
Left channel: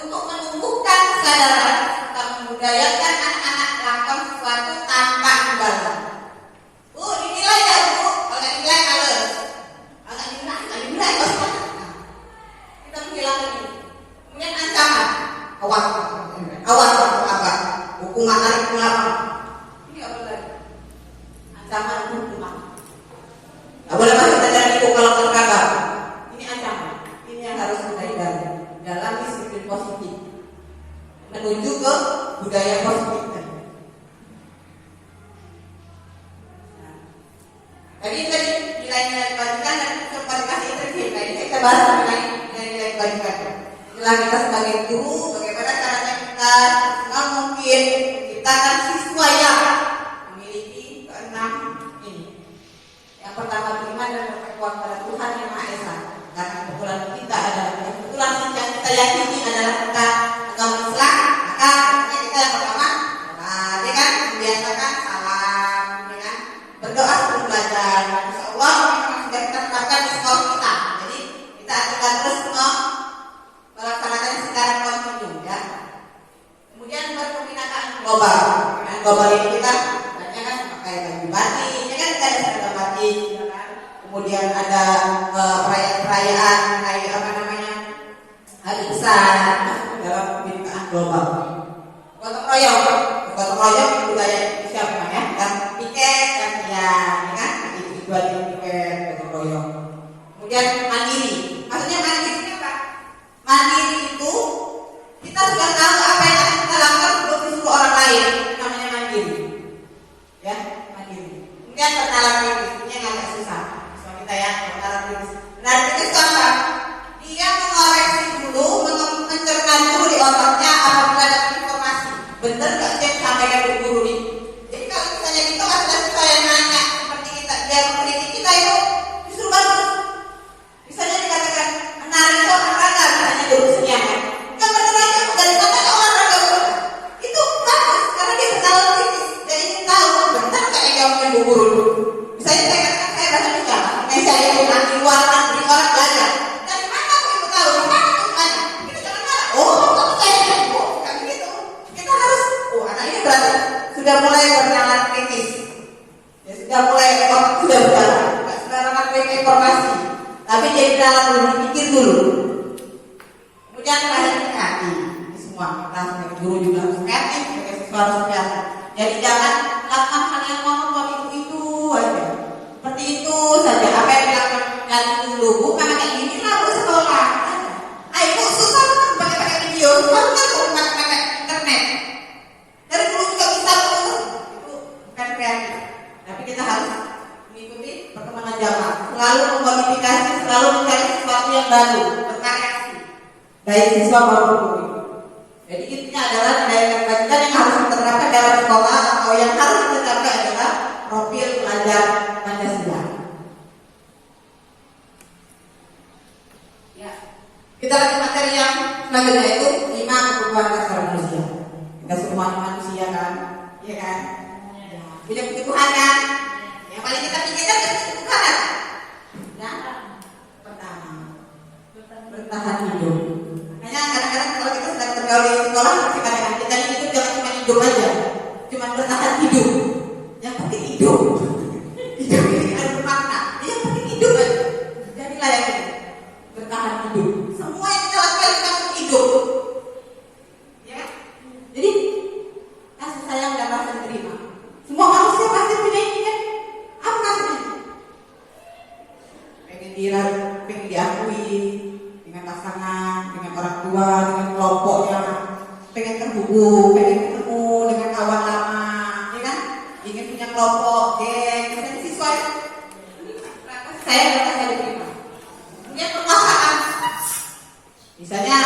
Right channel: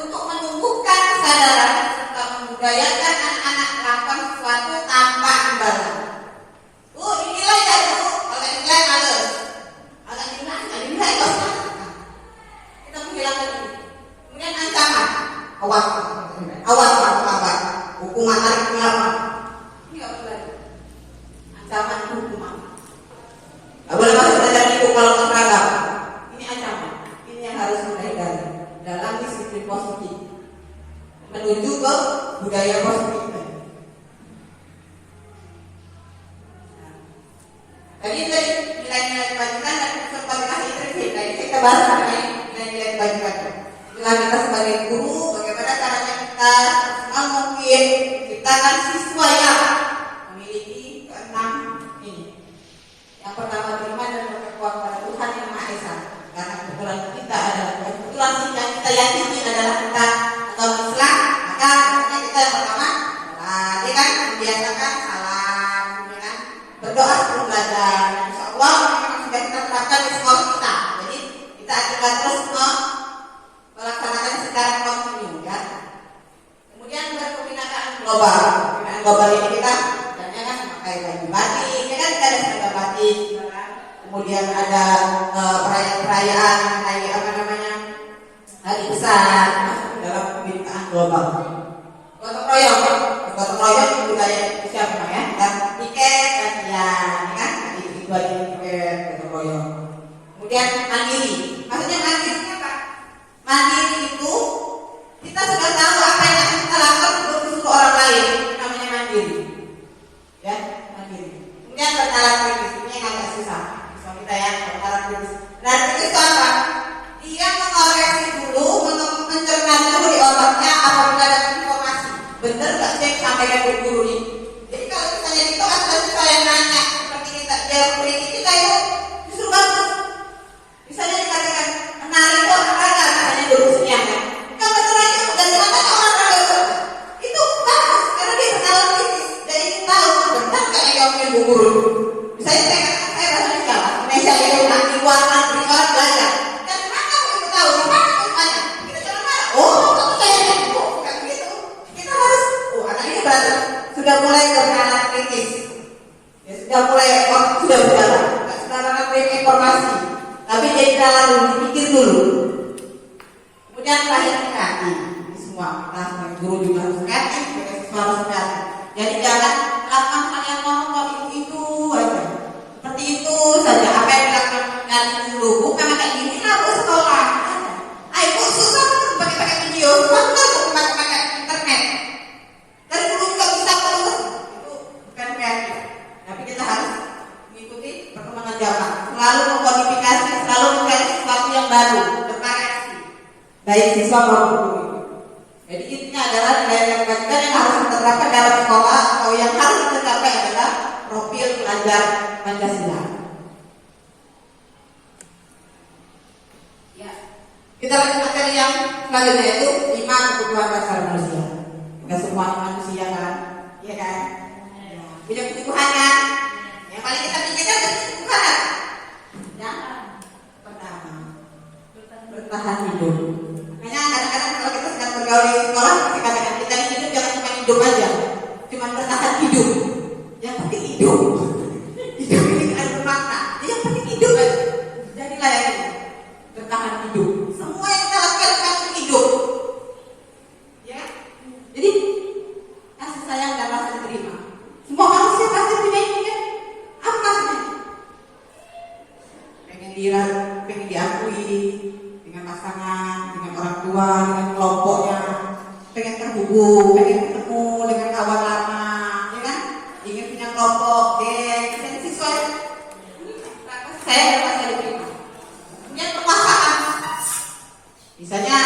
untuk menumbuhkan kesadaran serta membudayakan anak-anak melakukan sesuatu tanpa imbalan. Dinilai ya Bu, kalau dinilai halus. Kalau dinilai kosong. Kita menghilangkan ini. Kemudian ancaman, awas apa? Hukuman tarik ulama. Ini nggak boleh. Ancaman hukuman. Nggak boleh masuk pelajaran itu kalau terkadang. Ini ancaman. Ini yang harus kita hindari dalam disiplin positif. Menuju ke budaya positif. Tadi nilai-nilai kebajikan dan sempat dikasih trik. Tadi kita bahas mengenai nilai-nilai kebajikan. Itulah kita sebagai guru, bagaimana caranya kita semaksimal mungkin menciptakan siswa yang memiliki keenam ini. Yang pertama, beriman dan bertakwa kepada Tuhan Yang Maha Esa. Karena kebetulan kita adalah kebetulan yang kita yakini adalah kita agama Islam, maka kita yang pertama, dia kan membiasakan salam, dengan berdoa sebelum belajar. Insya Allah memang sudah kita terapkan di sekolah kita. Jadi kita akan terus melaksanakan secara kontinu, ya. Kemudian buat pembinaan global. Pembinaan global ini kita banyak kan memakai baju batik, ya kan, kita ada seragam batik, ya kan. Kemudian ada perayaan-perayaan kayak apa namanya, hari besar dalam pembinaan global. Gotong royong itu budaya siapa ya? Dan piket dan ya kan, itu aja piket gotong royong. Kemudian mandiri, maksudnya mandiri apa? Mandiri itu kita sudah tahu apa yang harus kita lakukan untuk disuruh orang lain, namanya mandiri, ya, mandiri. Kemudian bernalar kritis, ini yang agak susah, kita ya, bernalar kritis. Bernalar kritis itu apa? Dia mengoreksi dulu, mencerna dulu di otaknya apabila ada informasi. Bener nggak sih yang disampaikan guru ini? Jadi kalau misalnya di kelas ada siswa yang nanya seperti kita, dia mengkritik kita itu justru bagus. Misalnya dikatakan menari itu olahraga, misalnya jurusnya. Kan bener aja dari otak olahraga itu bagus karena dia bernalar kritis. Jadi ingin tahu benar nggak yang diomongin bu guru. Misalnya saya katakan saya bahasa Indonesia yang nanti luar negeri orang belajar. Dan mana aku itu tahu? Di mana aku tanya? Kita jangan marah. Oh, kamu tanya bu, kan gitu. Kita harus. Anak ini berarti sudah mulai bernalar kritis. Ya sudah mulai sudah berjalan. Nggak sembarangan terima informasi. Tapi jadi dalam dulu, dipikir dulu. Kemudian lahir kreatif. Ini semua kita sebagai guru juga harus kreatif, sebagai siswa harus kreatif. Jadi jangan lakukan hal yang monoton itu aja. Seperti itu saja. Apa yang kita lakukan dulu, bukan kayak gini lah bu sekolah. Ayo susah kan pakai video, susah kan pakai internet. Dan guru juga bisa itu bukan kreatif. Tapi kita harus mengikuti perkembangan zaman. Selalu memodifikasi, selalu mencari sesuatu yang baru, bervariasi. Baik siswa maupun guru. Jadi intinya adalah nilai kebajikan yang harus diterapkan dalam sekolah atau yang harus diterapkan adalah profil pelajar Pancasila. Ya. Kita lanjut materi yang selanjutnya itu 5 kebutuhan dasar manusia. Kita semua manusia kan, iya kan? Ya. Punya kebutuhan kan? Yang paling kita pikirkan adalah kebutuhan. Yang pertama, bertahan hidup. Makanya kadang-kadang kalau kita sedang bergaul di sekolah, kadang-kadang kita hidup jangan cuma hidup aja, cuma bertahan hidup. Yang penting hidup. Hidup ini ada bermakna. Yang penting hidup aja. Jadilah yang ini. Bertahan hidup. Semua yang kita lakukan untuk hidup. Ya. Jadi kasih sayang dan rasa terima. Semua manusia pasti punya ini kan. Apa kasihnya? Pengen diakui dengan pasangan, dengan orang tua, dengan kelompoknya, pengen terhubung, pengen ketemu dengan kawan lama, ya kan? Ingin punya kelompok, geng, siswa. Saya dapat saya diterima. Kemudian kekuasaan. Misalnya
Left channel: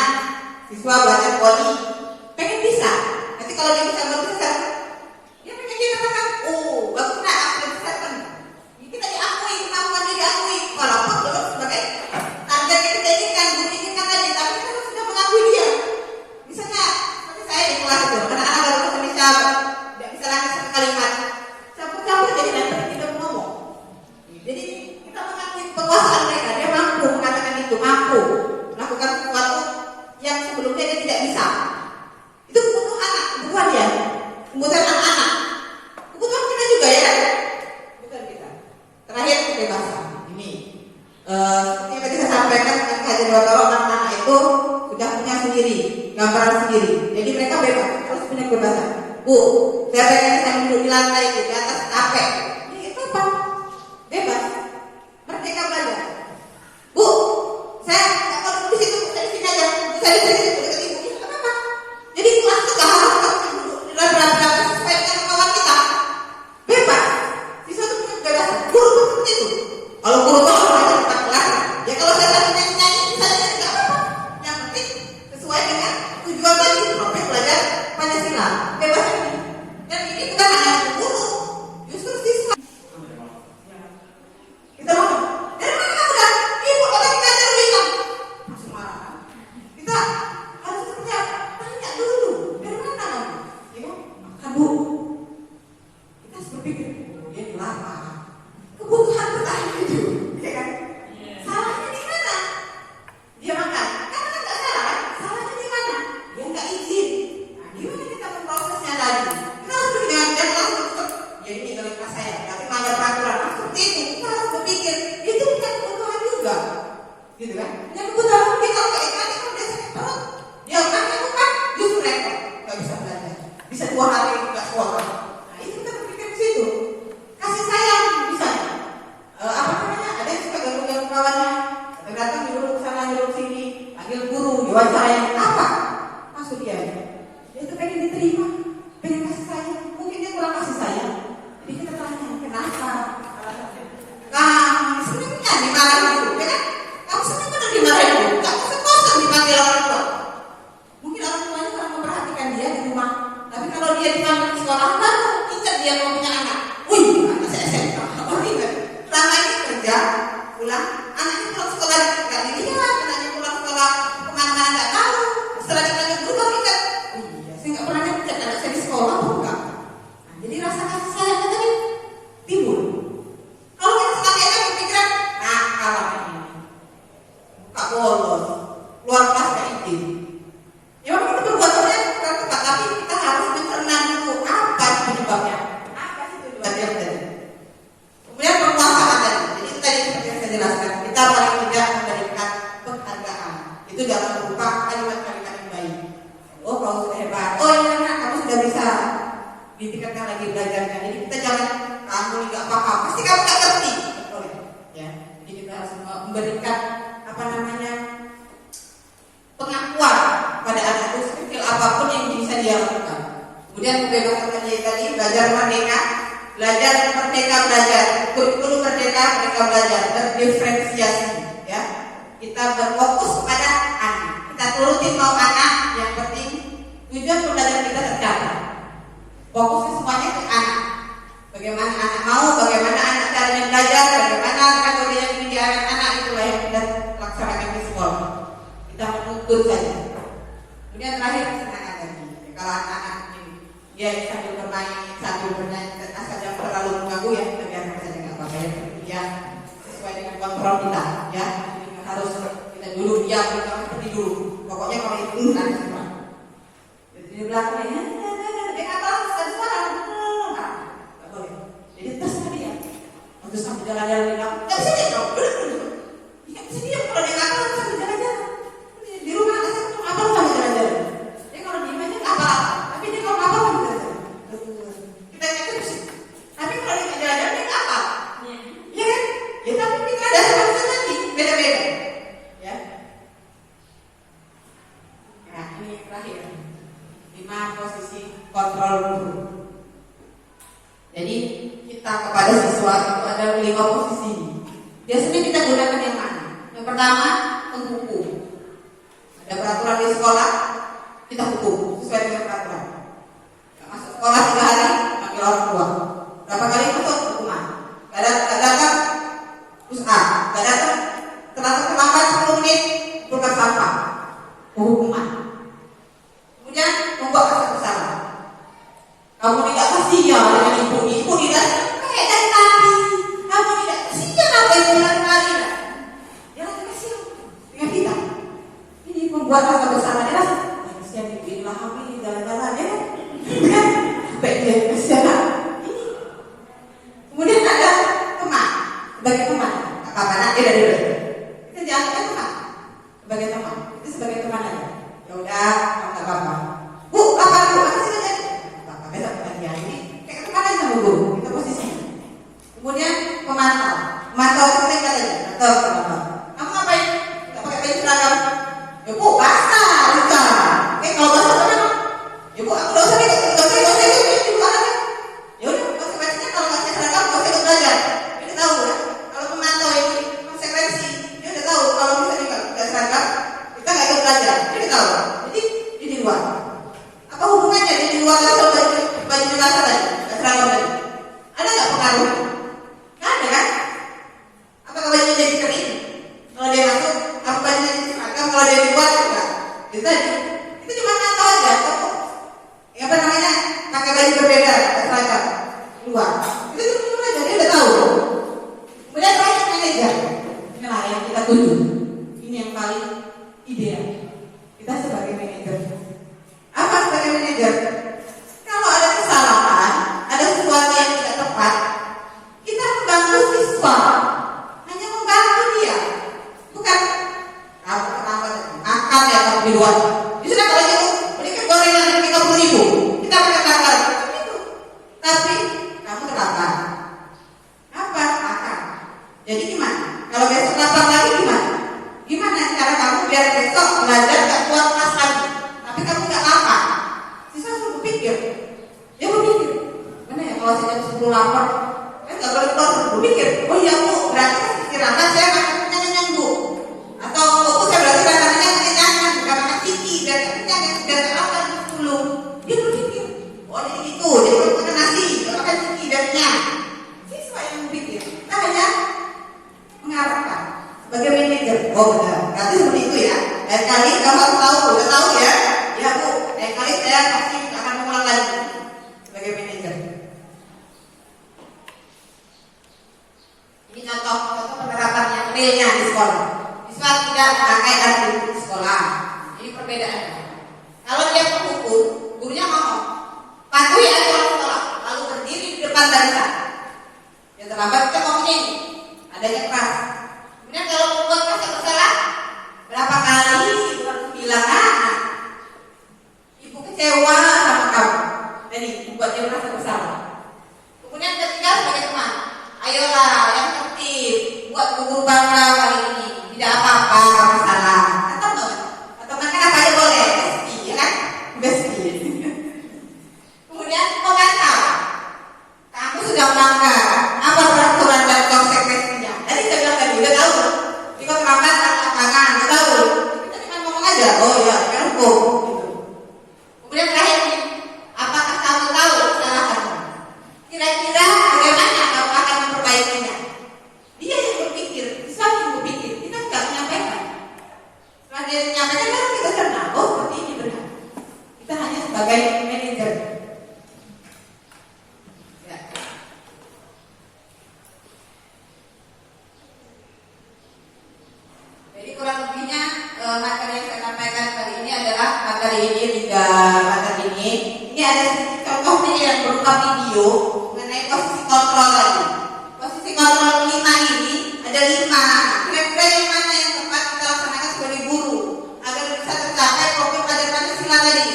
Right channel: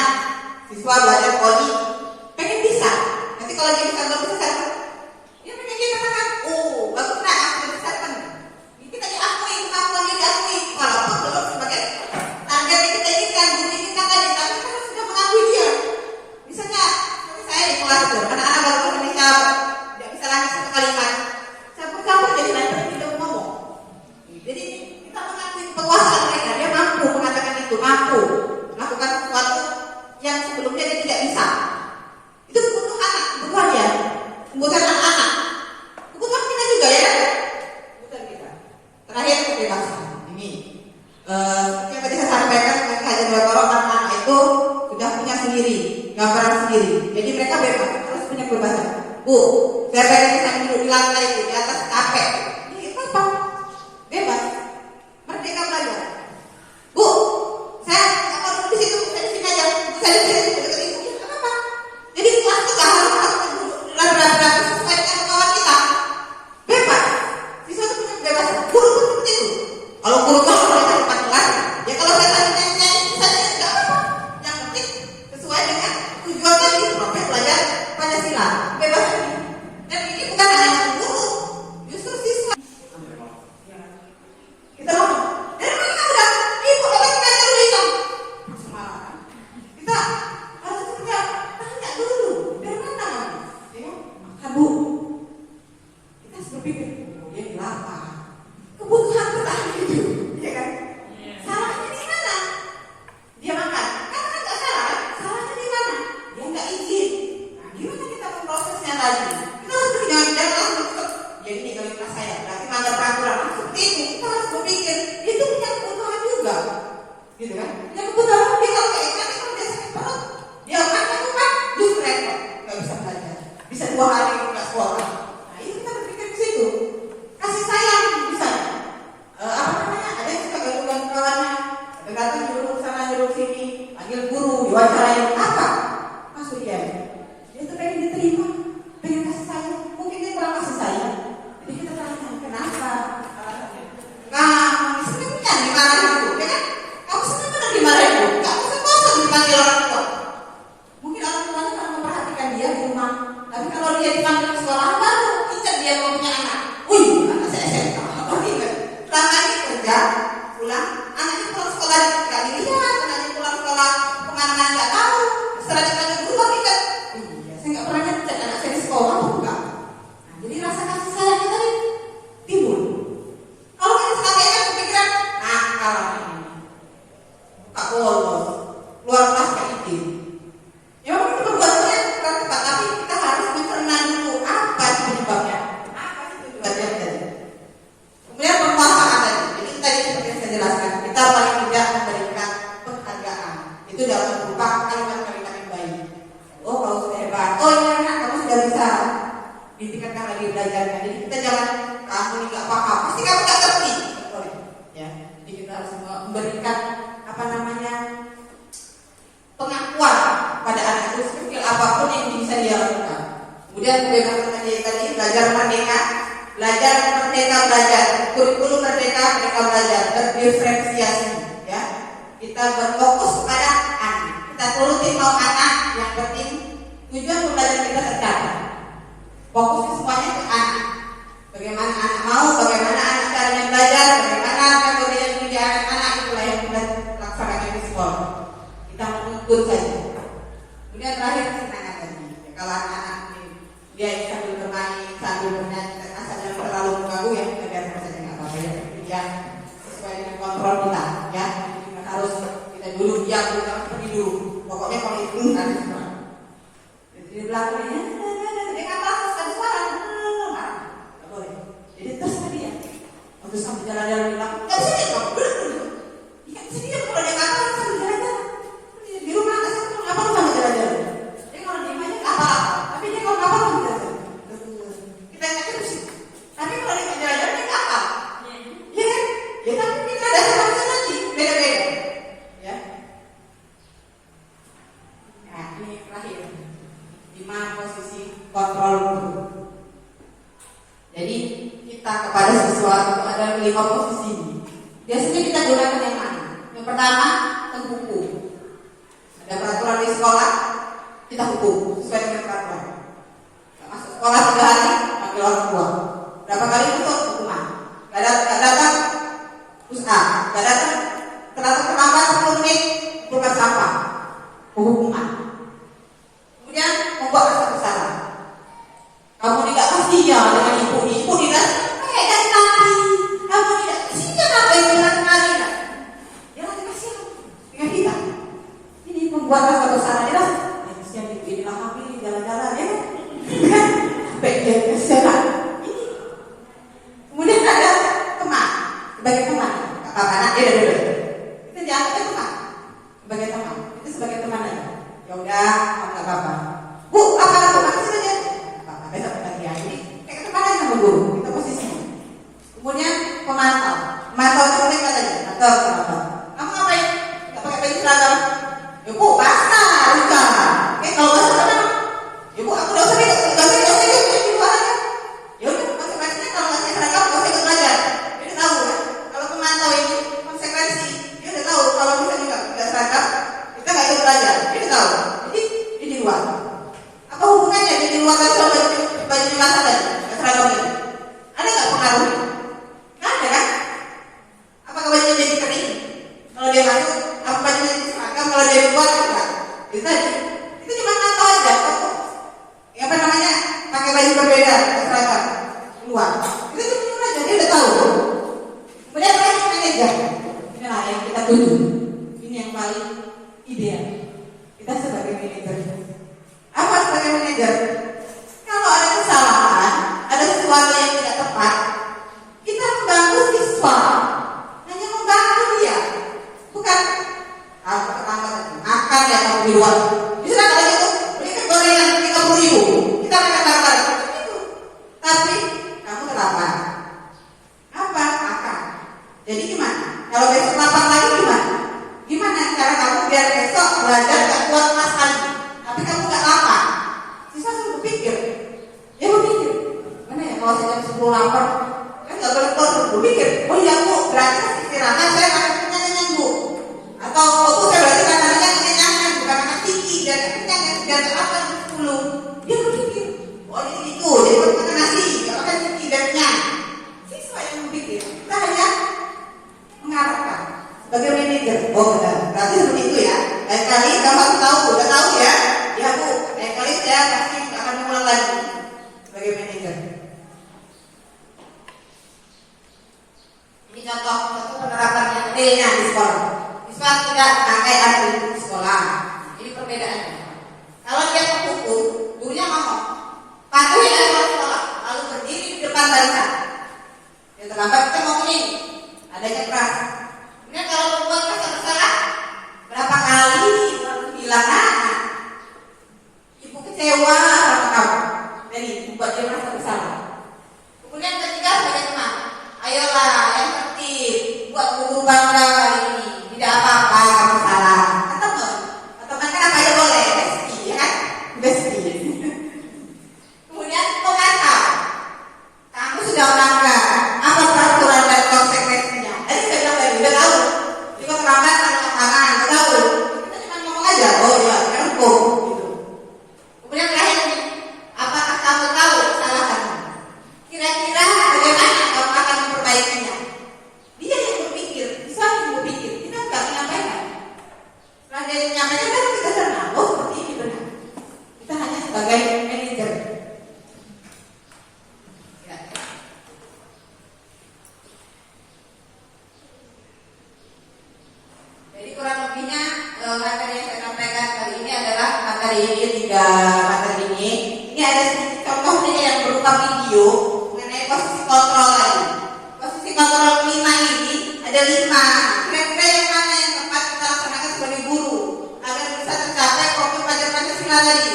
siswa belajar poli, pengen bisa. Nanti kalau dia bisa berpisah, dia pengen dia katakan, oh bagus nak, aku bisa kan. Kita diakui, kemampuan dia diakui. Walaupun belum sebagai target yang kita inginkan, bukti kita tadi, tapi kita sudah mengakui dia. Misalnya seperti saya di kelas itu, anak-anak baru bisa tidak bisa lagi satu kalimat, campur-campur jadi nanti tidak ngomong. Jadi kita mengakui kekuasaan mereka, dia mampu mengatakan itu, mampu melakukan sesuatu yang sebelumnya dia tidak bisa. Itu kebutuhan anak, kebutuhan dia, kebutuhan anak-anak, kebutuhan kita juga ya kan? Kebutuhan kita. Terakhir kebebasan. Ini seperti yang tadi saya sampaikan dengan kajian kalau anak-anak itu sudah punya sendiri, gambaran sendiri. Jadi mereka bebas, terus punya kebebasan. Bu, saya pengen saya duduk di lantai itu, di atas kapek. Ini apa? Bebas, merdeka belajar. Bu, saya nggak mau duduk di situ, saya di sini aja. Saya di sini, duduk di sini. Apa? Jadi kelas itu nggak harus sebuah hari nggak sekolah. Nah itu kita berpikir di situ. Kasih sayang misalnya. Apa namanya? Ada yang suka ganggu kawannya, datang nyuruh sana nyuruh sini, panggil guru, diwawancarain apa? Maksud dia tuh pengen diterima, pengen kasih sayang. Mungkin dia kurang kasih sayang. Jadi kita tanya kenapa alasannya. Nah, sebenarnya dimarahin itu, ya kan? Kamu sebenarnya dimarahin itu, nggak bosan dipanggil orang tua. Mungkin orang tuanya akan memperhatikan dia di rumah, tapi kalau dia dipanggil ke sekolah baru ingat dia mau punya anak. Anak saya SMK, apa ingat? Selama ini kerja, pulang, anaknya pulang sekolah nggak dilihat, anaknya pulang sekolah kemana nggak tahu. Setelah dipanggil guru baru ingat. Iya, saya nggak pernah ngecek anak saya di sekolah, enggak. Nah, jadi rasa kasih sayangnya tadi timbul. Kalau kita sekali kan kepikiran, nakal ini, tak bolos, luar kelas gak izin. Ya memang itu perbuatannya kurang tepat, tapi kita harus mencerna dulu apa sih penyebabnya, apa sih tujuannya tadi. Kemudian penguasaan tadi, jadi tadi seperti yang saya jelaskan, kita paling tidak memberikan penghargaan. Itu dalam berupa kalimat-kalimat yang baik. Oh kamu sudah hebat, oh ya enak, kamu sudah bisa ditingkatkan lagi belajarnya. Jadi kita jangan kamu nggak paham, pasti kamu nggak ngerti. Ya, jadi kita harus memberikan apa namanya pengakuan pada anak itu sekecil apapun yang bisa dia lakukan. Kemudian kebebasan tadi belajar merdeka, belajar kurikulum merdeka belajar berdiferensiasi. Ya, kita berfokus kepada anak. Kita turutin mau anak, yang penting tujuan pembelajaran kita tercapai. Fokusnya semuanya ke anak. Bagaimana anak mau, bagaimana anak caranya belajar, bagaimana metode yang dimiliki anak-anak, itulah yang kita laksanakan di sekolah. Kita menuntut saja. Kemudian terakhir kesenangan tadi. Kalau anak-anak ini dia sambil bermain, sambil bernyanyi, asal jangan terlalu mengganggu ya, kita biarkan saja nggak apa-apa ya. Dia sesuai dengan kontrol kita, ya. Jadi harus kita dulu diam, kita pergi dulu. Pokoknya kalau itu dulu nanti semua. Jadi di belakangnya, dia kata ada suara. Jadi terus tadi ya, waktu sambil jalan-jalan di kampung, nggak bisa dia dong, duduk. Ya bisa dia kalau dia ngapa sambil jalan-jalan. Di rumah nggak sih, apa lu sambil jalan-jalan? Dia kalau diem aja nggak apa-apa, tapi dia kalau ngapa sambil jalan-jalan. Kita ingat terus. Tapi kalau dia jalan-jalan dia nggak apa. Iya kan? Ya tapi kita ada sama nanti beda-beda. Ya. Nah ini terakhir, 5 posisi kontrol guru. Jadi kita kepada siswa itu ada 5 posisi ini. Biasanya kita gunakan yang mana? Yang pertama, hukum. Ada peraturan di sekolah, kita hukum sesuai dengan peraturan. Yang masuk sekolah 3 hari, panggil orang tua. Berapa kali masuk hukuman? Gak datang, usaha. Gak datang, terlambat 10 menit, bukan sampah. Hukuman. Kemudian membuat rasa bersalah. Kamu tidak kasihan dengan ibu tidak dari tadi. Kamu tidak kasihan apa yang kali. Dia lagi kasihan dengan kita. Ini membuat rasa bersalah dia. Kasihan ibu ini lah kami jalan-jalan ya. Kan? Baik dia kasihan. Ini. Kemudian ada teman sebagai teman. Kakak anak dia dari dulu. Kita jangan teman sebagai teman. Itu sebagai teman aja. Ya udah, kamu tak apa. Bu, apa kasih saja. Besok pagi ini kayak kemarin sama guru kita posisi. Kemudian pemantau itu kita tadi atau apa? Kamu ngapain? Gak pakai baju seragam? Ya bu, basah, luka. Kalau basah apa? Ya bu, aku gak usah di luar. Ya udah, konsekuensinya kalau nggak seragam nggak usah belajar. Dia tahu ya. Kalau pemantau ini konsekuensi, dia udah tahu kalau misalnya nggak seragam kita nggak ikut belajar. Dia tahu. Jadi di luar. Apa hubungannya di luar sama baju basah tadi, seragam tadi? Ada nggak pengaruh? Nggak ada kan? Apakah bajunya jadi kering? Kalau dia masuk, apa bajunya jadi seragam? Kalau dia di luar enggak? Itu tadi. Itu cuma ngantor aja. Ya apa namanya? Pakai baju berbeda, seragam luar. Itu cuma aja dia udah tahu. Kemudian terakhir manajer. Inilah yang kita tuju. Ini yang paling ideal. Kita sebagai manajer. Apa sebagai manajer? Kalau ada kesalahan, ada sesuatu yang tidak tepat, kita membantu siswa, hanya membantu dia, bukan kamu terlambat makan ya kamu di luar. Sudah kalau gitu, belikan gorengan 30.000, kita akan berpikir. Dia berpikir, mana ya kalau saya jam 10 lapar, kan nggak boleh keluar, berpikir, oh iya bu, berarti istirahat saya akan kenyang bu. Atau oh saya berarti saya akan kenyang, bukan akan tinggi dan kenyang dan terapa jam 10. Dia berpikir, oh jadi itu, jadi kalau makan nasi, kalau makan tinggi dan kenyang. Siswa yang berpikir, kita hanya mengarahkan sebagai manajer. Oh benar, berarti seperti itu ya. Lain kali kamu harus tahu, udah tahu ya. Ya bu, lain kali saya pasti akan mengulang lagi sebagai manajer. Ini contoh penerapan yang realnya di sekolah. Siswa tidak pakai alat di sekolah. Ini perbedaannya. Kalau dia menghukum, gurunya ngomong, patuhi aturan sekolah, lalu berdiri di depan barisan. Yang terlambat kita ngomongnya ini, adanya keras. Kemudian kalau membuat merasa bersalah, berapa kali ibu bilang, ibu kecewa sama kamu, dan ibu buat dia merasa bersalah. Kemudian ketiga sebagai teman, ayolah yang tertib, buat guru bangga kali ini, tidak apa-apa kamu salah. Atau mereka apa aja boleh, besti, ya kan? Besti. Kemudian komentar, kamu sudah melanggar apa peraturan dan konsekuensinya. Jadi saya bilang tadi udah tahu, di komentar tangan, udah tahu. Kita cuma ngomong aja, oh iya, kan hukum. Gitu. Kemudian terakhir ini, apakah kamu tahu kesalahanmu? Kira-kira bagaimana kamu akan memperbaikinya? Dia yang berpikir, bisa yang berpikir, kita nggak menyampaikan. Setelah dia menyampaikan, kan kita senang, oh seperti ini benar. Kita hanya sebagai manajer. Ya. Jadi kurang lebihnya materi yang saya sampaikan kali ini adalah materi ini 3 materi ini. Ini ada sedikit contohnya yang berupa video mengenai posisi kontrol tadi. Posisi kontrol 5 ini ada 5. Kira-kira yang mana yang tepat kita laksanakan sebagai guru agar bisa tercapai fokus pada Pancasila tadi.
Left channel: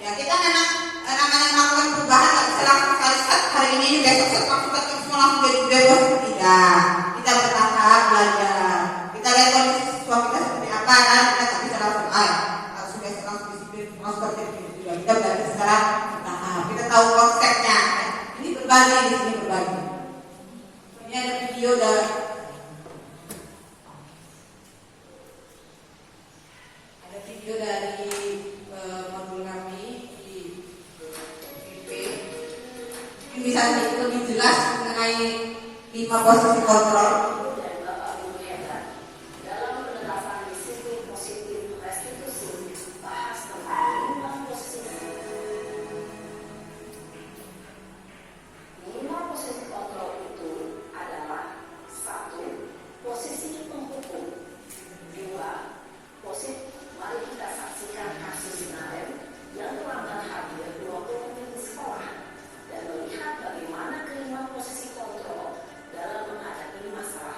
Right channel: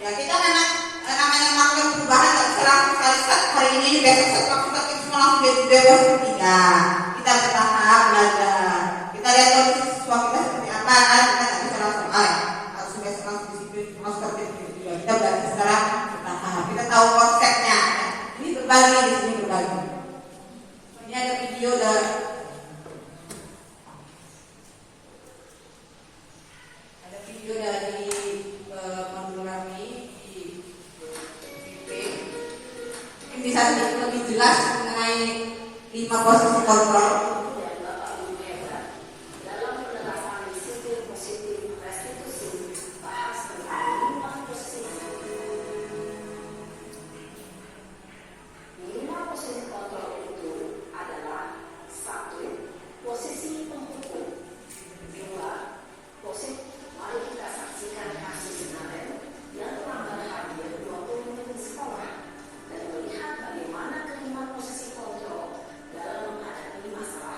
Ya kita memang namanya melakukan perubahan nggak bisa langsung sekali hari ini besok semua langsung jadi posisi 3. Kita bertahap belajar. Kita lihat kondisi siswa kita seperti apa kan, kita nggak bisa langsung harus besok langsung disiplin langsung seperti itu. Kita belajar secara bertahap. Kita tahu konsepnya. Ini berbagi di sini berbagi. Ini ada video dari modul kami di PP. Ini bisa lebih jelas mengenai 5 posisi kontrol. Bagaimana kelima posisi kontrol dalam menghadapi masalah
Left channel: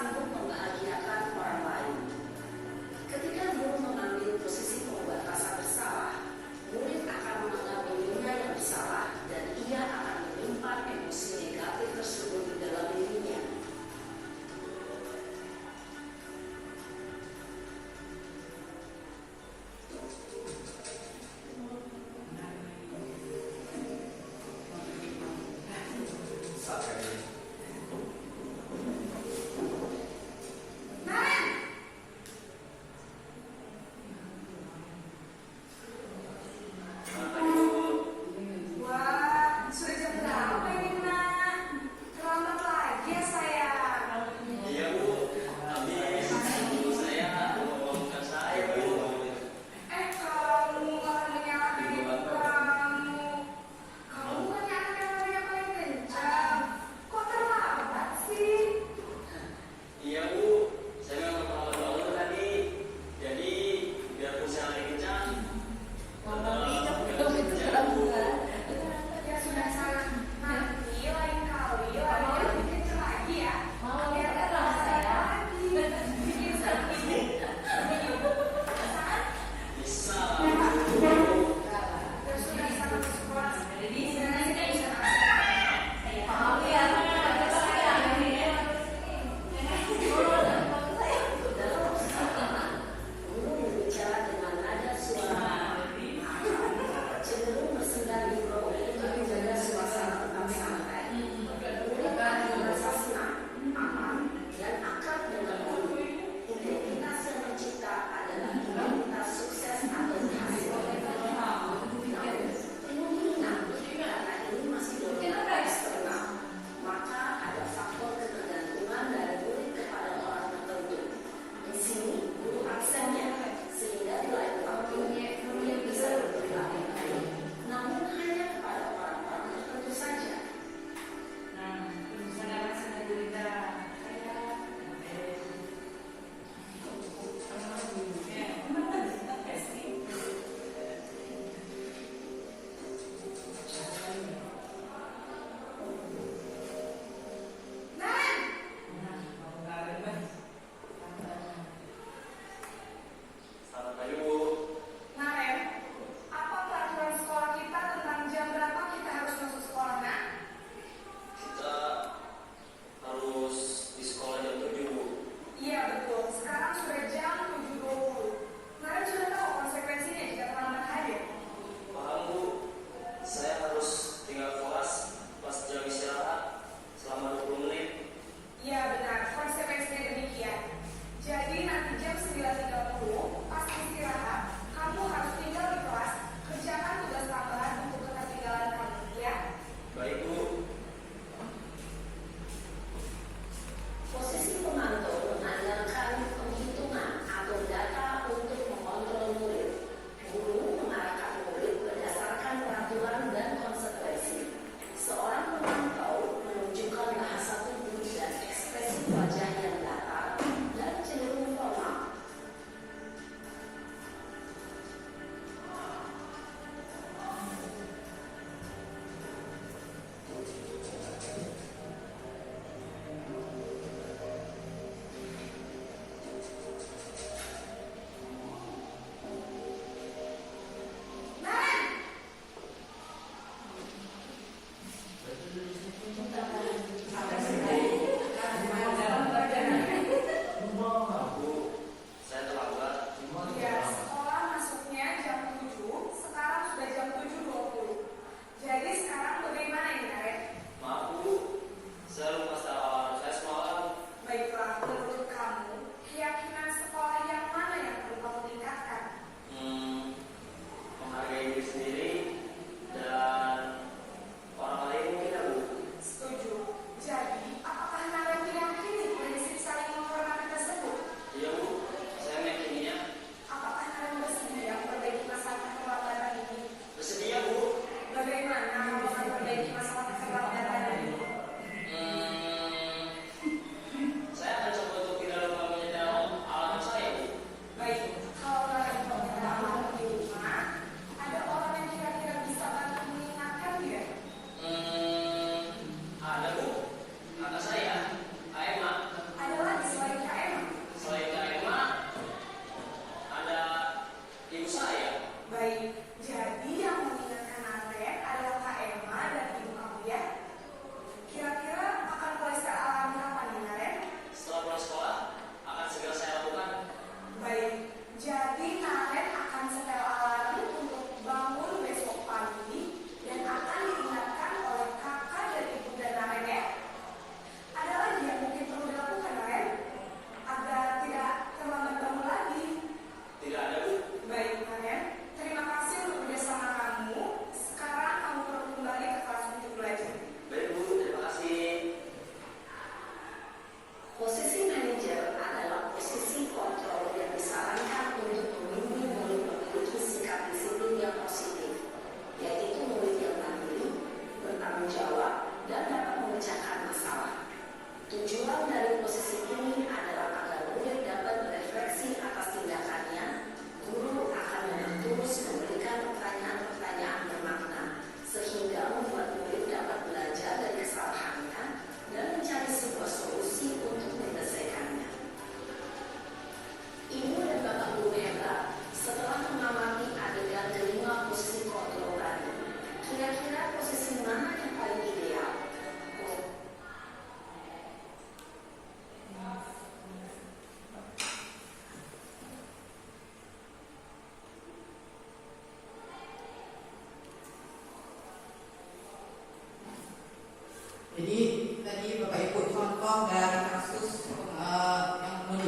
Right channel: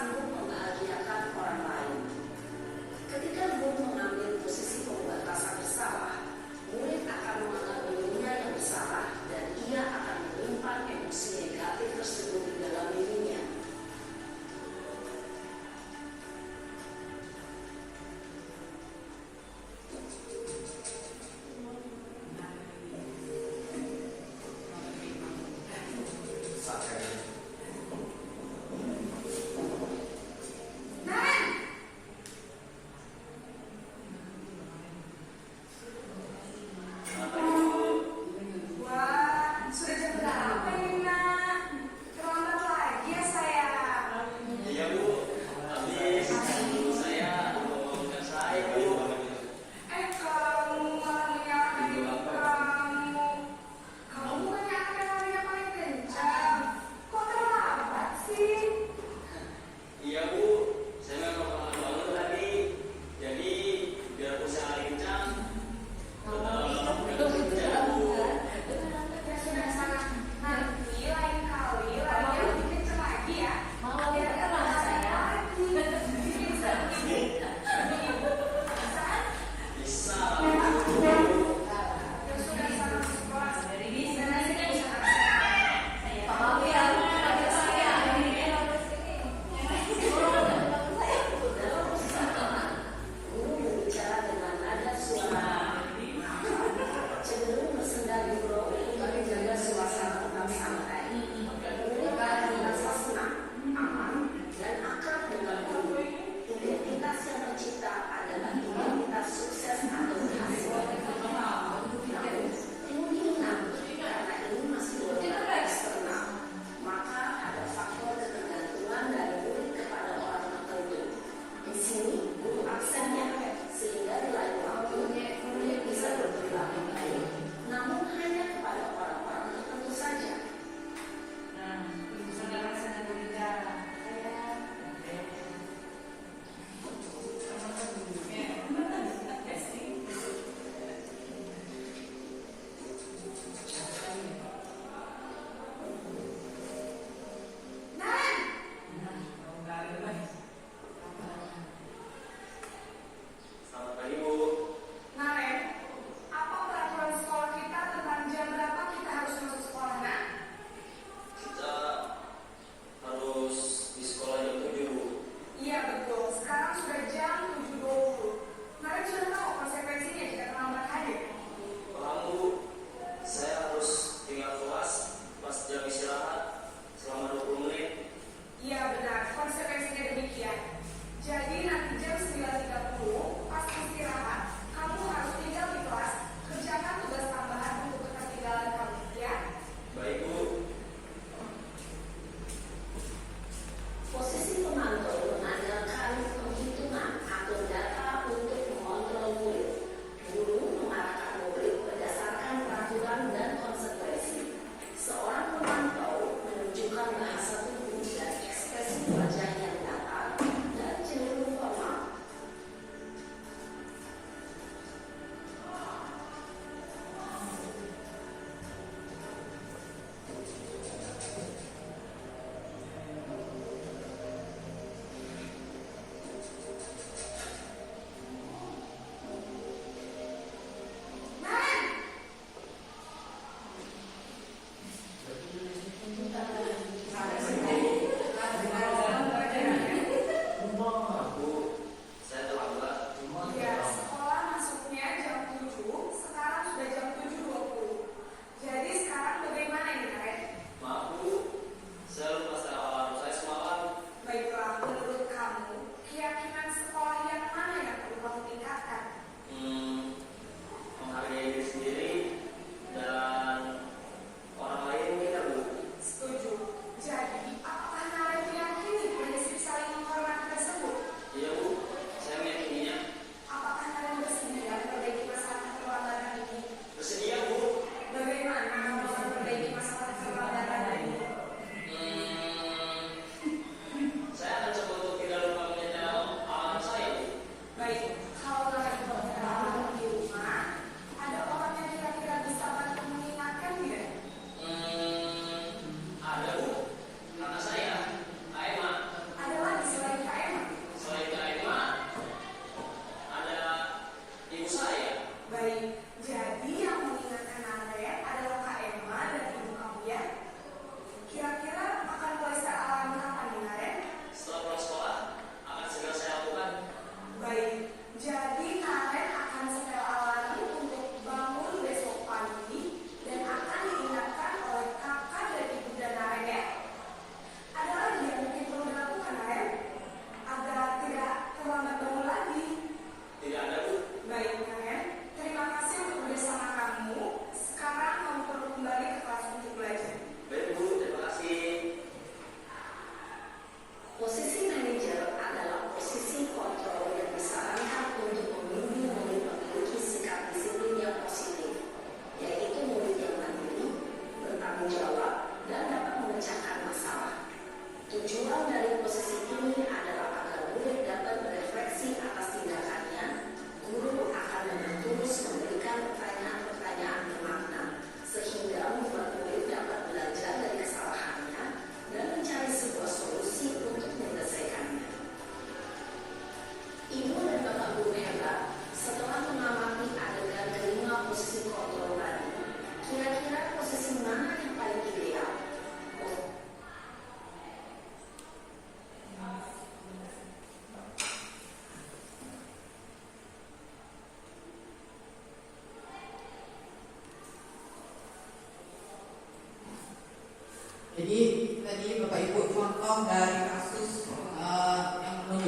sanggup membahagiakan orang lain. Ketika guru mengambil posisi pembuat rasa bersalah, murid akan menganggap dirinya yang bersalah dan ia akan menyimpan emosi negatif tersebut di dalam dirinya.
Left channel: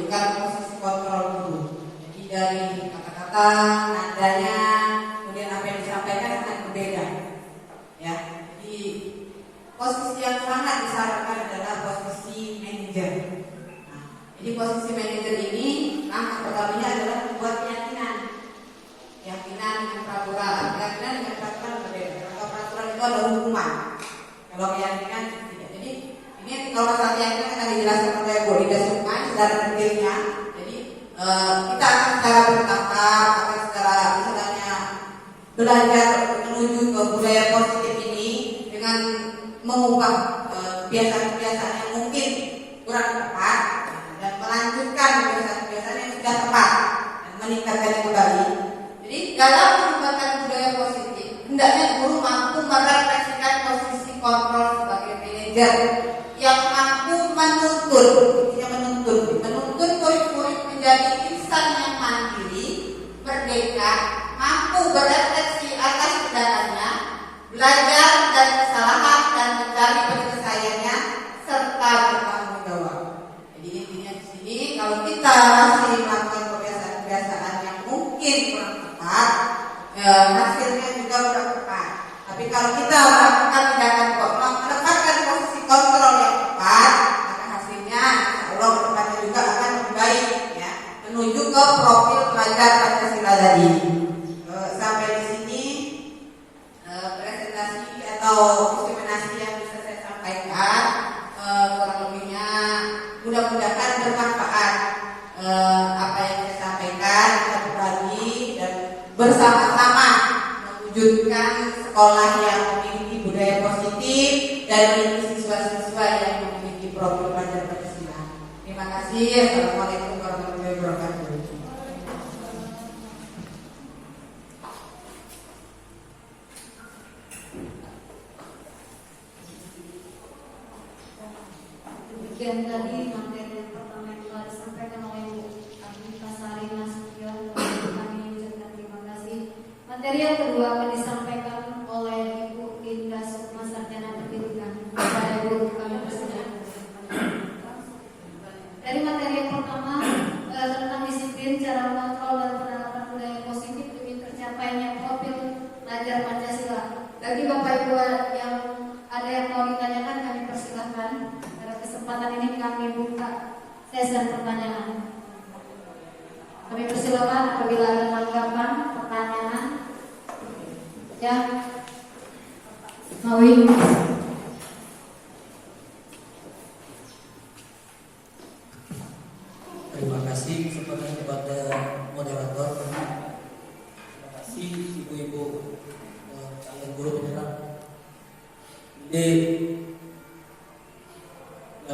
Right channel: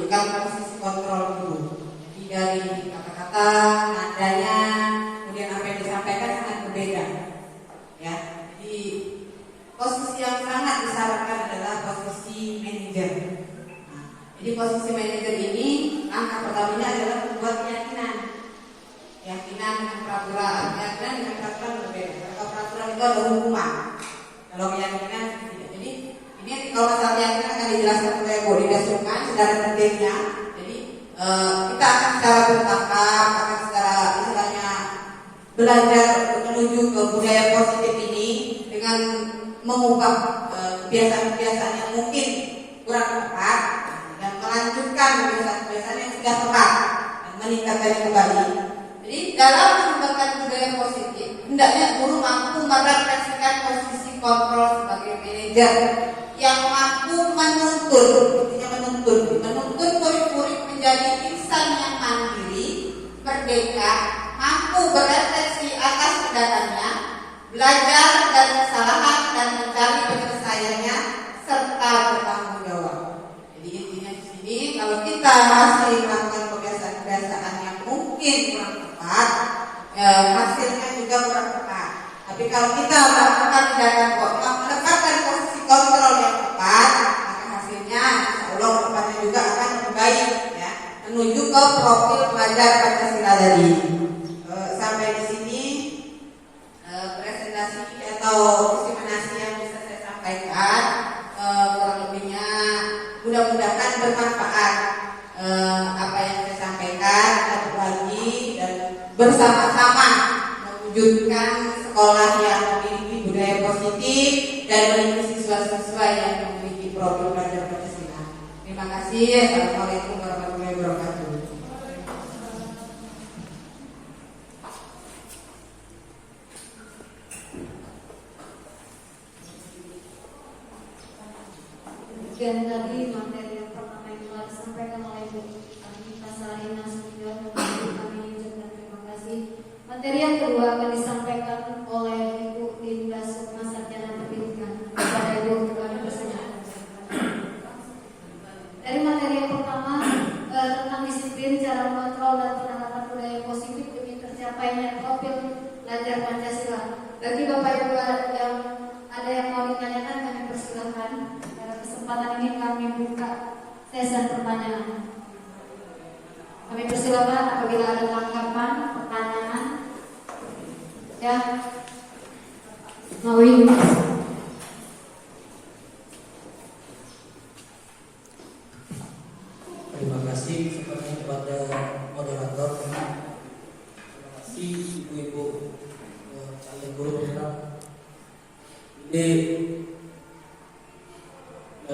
menunjukkan posisi kontrol guru. Jadi dari kata-kata, nadanya, kemudian apa yang disampaikan sangat berbeda. Ya, jadi posisi yang sangat disarankan adalah posisi manajer. Nah, jadi posisi manajer ini langkah pertamanya adalah membuat keyakinan dengan peraturan, keyakinan dengan peraturan berbeda. Kalau peraturan itu ada hukuman, kalau keyakinan tidak. Jadi ini kalau masalah keyakinan akan dijelaskan oleh Bu Dida Sukman secara detailnya. Jadi kita akan secara bertahap, akan secara istilahnya belajar menuju ke budaya positif ini dengan mengubah kebiasaan-kebiasaan yang mungkin kurang tepat dan melanjutkan kebiasaan-kebiasaan yang sudah tepat dan meningkatkan kembali. Jadi dalam mengembangkan budaya positif, hendaknya guru mampu merefleksikan posisi kontrol sebagai manajer yang mampu menuntun murid-murid menjadi insan yang mandiri, merdeka, mampu berefleksi atas tindakannya, belajar dari kesalahan dan mencari penyelesaiannya serta bertanggung jawab. Jadi intinya di sini kalau kita masih melakukan kebiasaan-kebiasaan yang mungkin kurang tepat, hasilnya juga kurang tepat. Tapi kalau kita melakukan tindakan menempatkan posisi kontrol yang tepat, maka hasilnya insya Allah kedepannya juga akan lebih baik, ya, menuju ke profil pelajar Pancasila tadi. Sampai di sini presentasi atau diseminasi yang bisa saya sampaikan, kurang lebihnya mudah-mudahan bermanfaat apa yang saya sampaikan, kita berbagi dan bersama-sama mewujudkan sekolah yang memiliki budaya positif dan memiliki siswa-siswa yang memiliki profil pelajar Pancasila. Terima kasih. Assalamualaikum warahmatullahi wabarakatuh. Dan tadi materi yang pertama yang telah disampaikan oleh Bu Anita Sari Nasution, kami ucapkan terima kasih. Materi yang kedua akan disampaikan oleh Ibu Linda Sukma, Sarjana Pendidikan. Kepada Ibu kami persilakan. Dari materi yang pertama tentang disiplin, cara mengontrol dan penerapan budaya positif demi tercapainya profil pelajar Pancasila. Bagi Bapak Ibu yang ada yang mau ditanyakan, kami persilahkan. Kesempatan ini kami buka sesi pertanyaan. Kami persilakan apabila ada tanggapan, pertanyaan. Ya, Mawi. Terima kasih sebenarnya kepada moderator. Terima kasih ibu-ibu calon guru penggerak.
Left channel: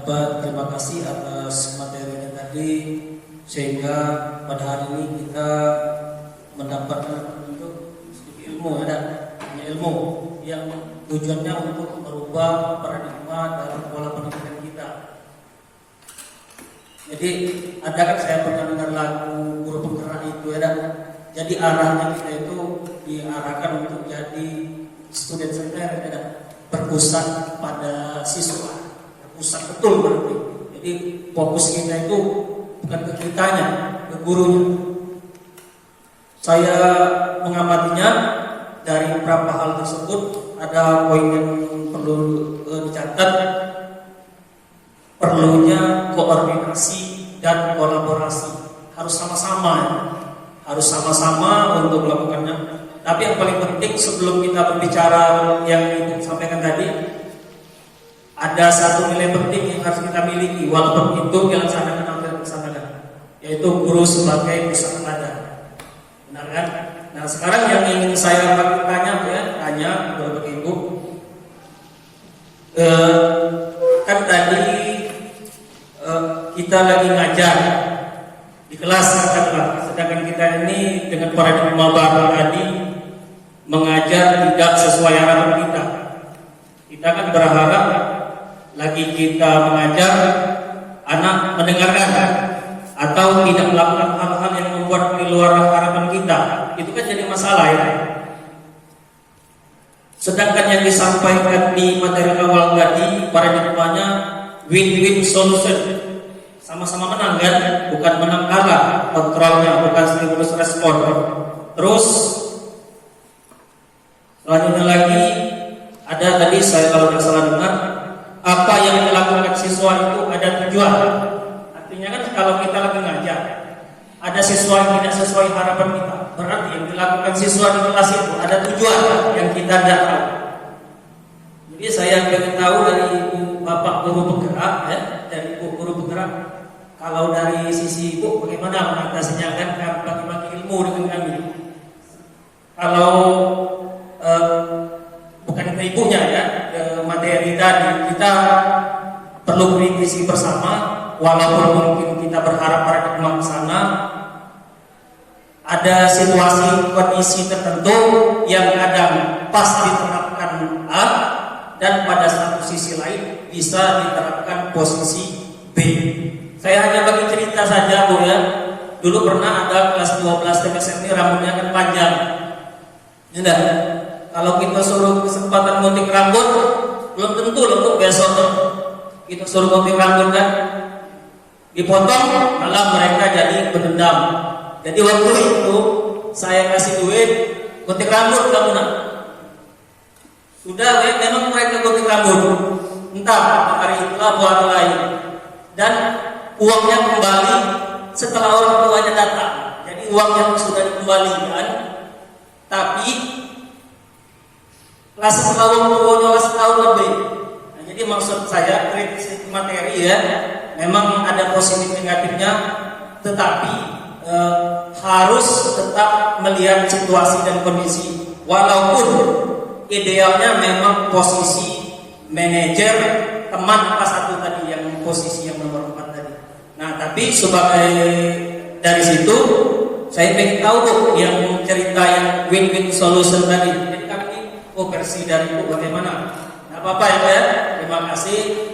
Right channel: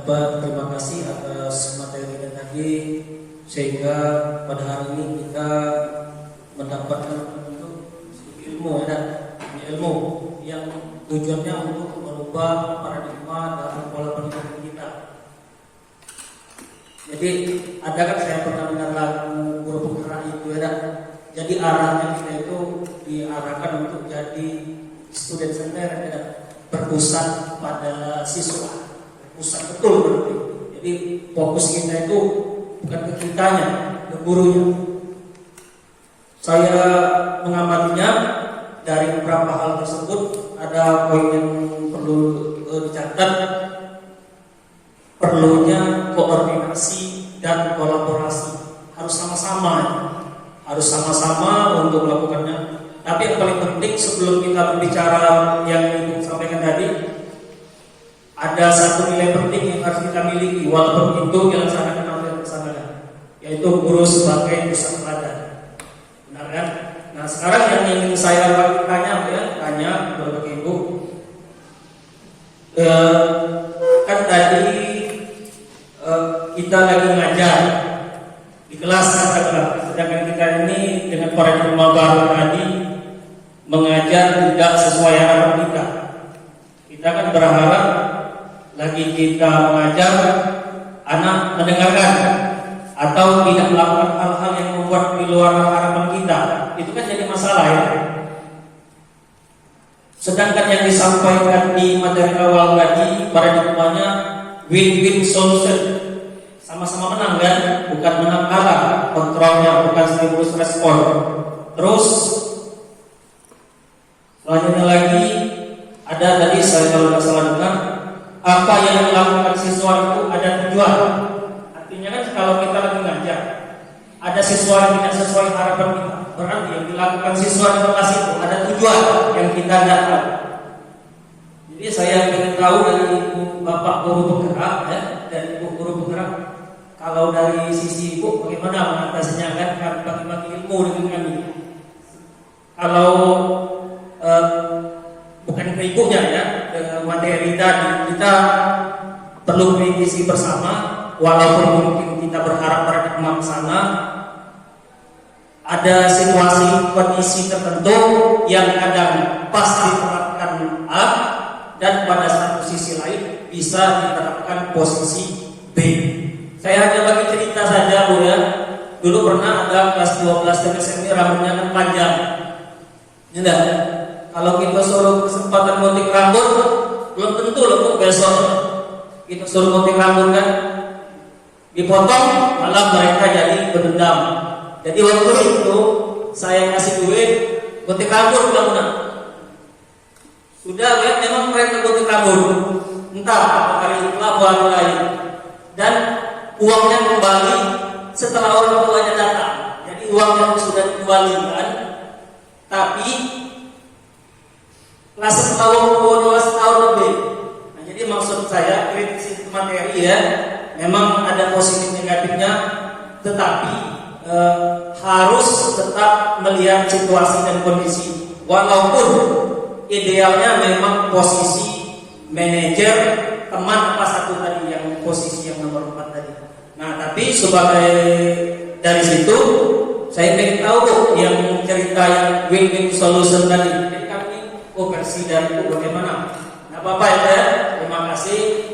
Terima kasih atas materinya tadi, sehingga pada hari ini kita mendapatkan ilmu yang tujuannya untuk merubah paradigma dalam pola pendidikan kita. Jadi ada kan saya pernah dengar lagu guru penggerak itu, ya. Jadi arahnya kita itu diarahkan untuk jadi student center, ya, terpusat pada siswa. Pusat betul berarti. Jadi fokus kita itu bukan ke kitanya, ke gurunya. Saya mengamatinya dari beberapa hal tersebut, ada poin yang perlu dicatat. Perlunya koordinasi dan kolaborasi. Harus sama-sama untuk melakukannya. Tapi yang paling penting sebelum kita berbicara yang Ibu sampaikan tadi, ada satu nilai penting yang harus kita miliki walaupun itu yang sangat dilaksanakan, yaitu guru sebagai pusat pelajar. Benar kan? Nah sekarang yang ingin saya tanya kepada Ibu, kan tadi kita lagi ngajar di kelas, sedangkan kita ini dengan paradigma baru tadi mengajar tidak sesuai harapan kita. Kita kan berharap lagi kita mengajar anak mendengarkan atau tidak melakukan hal-hal yang membuat di luar harapan kita. Itu kan jadi masalah, ya. Sedangkan yang disampaikan di materi awal tadi paradigmanya win-win solution. sama-sama menang kan, bukan menang kalah, kontrolnya bukan stimulus respon. Terus selanjutnya lagi ada tadi saya kalau nggak salah dengar apa yang dilakukan siswa itu ada tujuan. Artinya kan kalau kita lagi ngajar ada siswa yang tidak sesuai harapan kita, berarti yang dilakukan siswa di kelas itu ada tujuan yang kita tidak tahu. Jadi saya ingin tahu dari ibu bapak guru penggerak ya, dari ibu guru penggerak, kalau dari sisi ibu bagaimana mengatasinya kan bagi-bagi ilmu dengan kami. Kalau bukan ke ibunya ya, ke materi tadi kita perlu kritisi bersama. Walaupun mungkin kita berharap paradigma ke sana, ada situasi kondisi tertentu yang kadang pas diterapkan A dan pada satu sisi lain bisa diterapkan posisi B. Saya hanya bagi cerita saja Bu ya. Dulu pernah ada kelas 12 TPS ini rambutnya kan panjang. Ya, kalau kita suruh kesempatan gunting rambut, belum tentu loh Bu besok kita suruh gunting rambut kan. Dipotong malah mereka jadi berdendam. Jadi waktu itu saya kasih duit gunting rambut kamu nak. Sudah ya, memang mereka gunting rambut. Entah hari itulah buat lain. Dan uangnya kembali setelah orang tuanya datang. Jadi uang yang sudah dikembalikan, tapi kelas setahun setahun lebih. Nah, jadi maksud saya kritis materi ya. Memang ada positif negatifnya, tetapi harus tetap melihat situasi dan kondisi. Walaupun idealnya memang posisi manajer teman apa satu tadi yang posisi yang nomor 4 tadi. Nah, tapi sebagai dari situ saya ingin tahu yang cerita yang win-win solution tadi. Jadi kami versi dari Bu bagaimana? Nah, Bapak ya, terima kasih.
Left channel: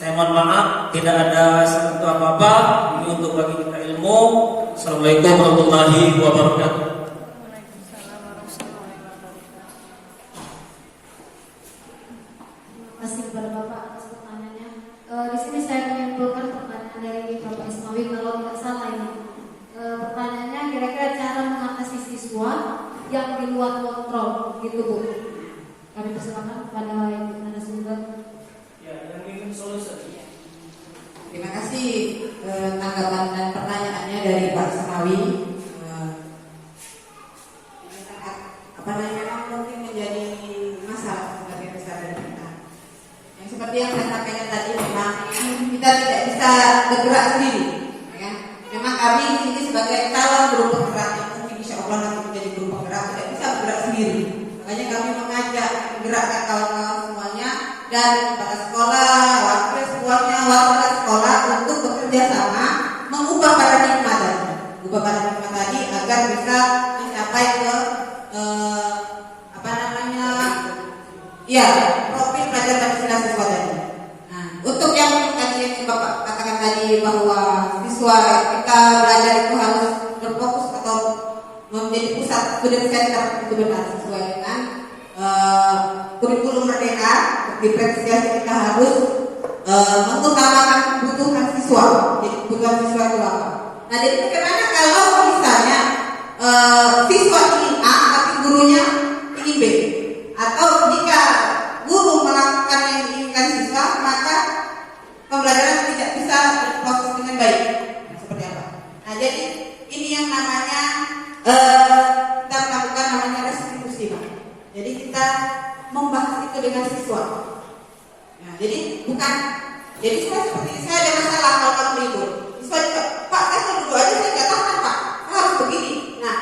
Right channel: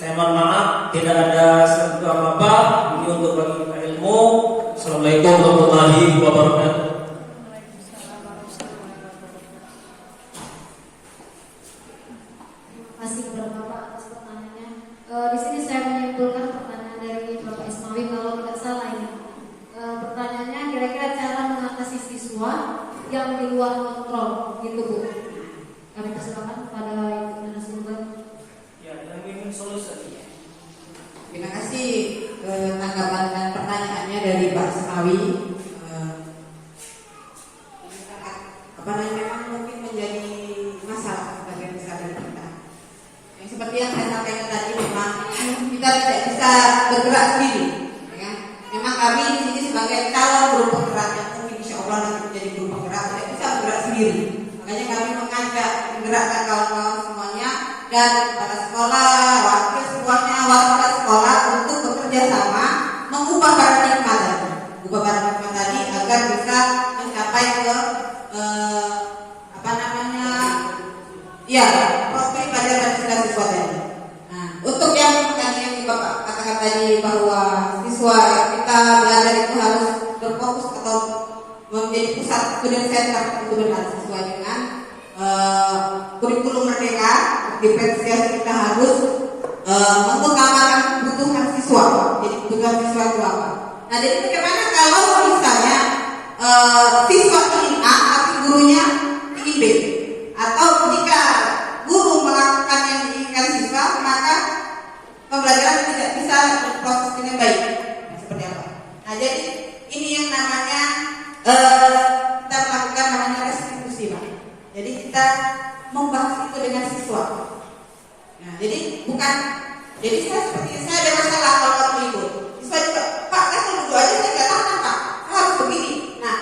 Saya mohon maaf tidak ada sesuatu apa-apa. Ini untuk bagi kita ilmu. Assalamualaikum warahmatullahi wabarakatuh. Terima kasih kepada Bapak atas pertanyaannya. Di sini saya menyimpulkan pertanyaan dari Bapak Ismawi kalau tidak salah ini. Pertanyaannya kira-kira cara mengatasi siswa yang di luar kontrol, gitu Bu. Kami persilakan kepada Ibu narasumber. Solusi. Terima kasih tanggapan dan pertanyaannya dari Pak Semawi. Memang mungkin menjadi masalah sebagian besar dari kita. Yang seperti yang saya sampaikan tadi, memang kita tidak bisa bergerak sendiri. Ya kan? Memang kami di sini sebagai calon guru penggerak yang mungkin insya Allah nanti menjadi guru penggerak tidak bisa bergerak sendiri. Makanya kami mengajak menggerakkan kawan-kawan semuanya dan pada sekolah, wakil semuanya, wakil sekolah untuk bekerja sama mengubah paradigma tadi agar bisa mencapai ke profil pelajar Pancasila siswa tadi. Nah, untuk yang tadi yang Bapak katakan tadi bahwa siswa kita belajar itu harus berfokus atau menjadi pusat student center itu benar sesuai dengan kurikulum merdeka. Diferensiasi kita harus mengutamakan kebutuhan siswa. Jadi kebutuhan siswa itu apa? Nah, jadi bagaimana kalau misalnya siswa ingin A tapi gurunya ingin B, atau jika guru melakukan yang diinginkan siswa maka pembelajaran tidak bisa berproses dengan baik. Nah, seperti apa? Nah, jadi ini yang namanya kita melakukan namanya restitusi, Pak. Jadi kita membahas itu dengan siswa. Nah, jadi saya seperti saya ada masalah kalau kamu libur. Siswa juga, Pak, saya mau libur aja saya nggak tahan, Pak. Saya harus begini. Nah,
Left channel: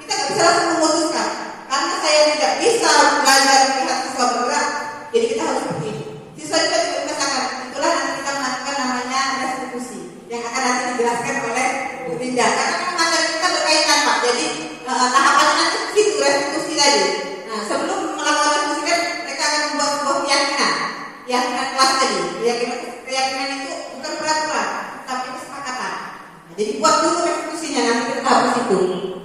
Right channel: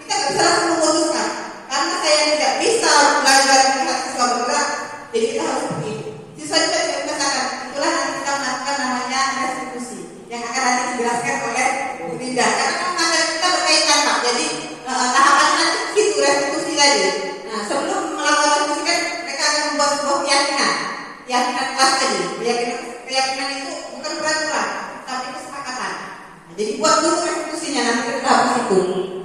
kita nggak bisa langsung memutuskan karena saya tidak bisa belajar melihat siswa bergerak. Jadi kita harus begini. Siswa juga dikatakan itulah nanti kita melakukan namanya restitusi yang akan nanti dijelaskan oleh Bu Linda. Karena materi kita berkaitan, Pak. Jadi tahapan nanti itu restitusi tadi. Nah, sebelum melakukan restitusi kan mereka akan membuat sebuah keyakinan kelas tadi. Keyakinan itu bukan peraturan, tapi kesepakatan. Nah, jadi buat dulu restitusinya nanti kita habis itu.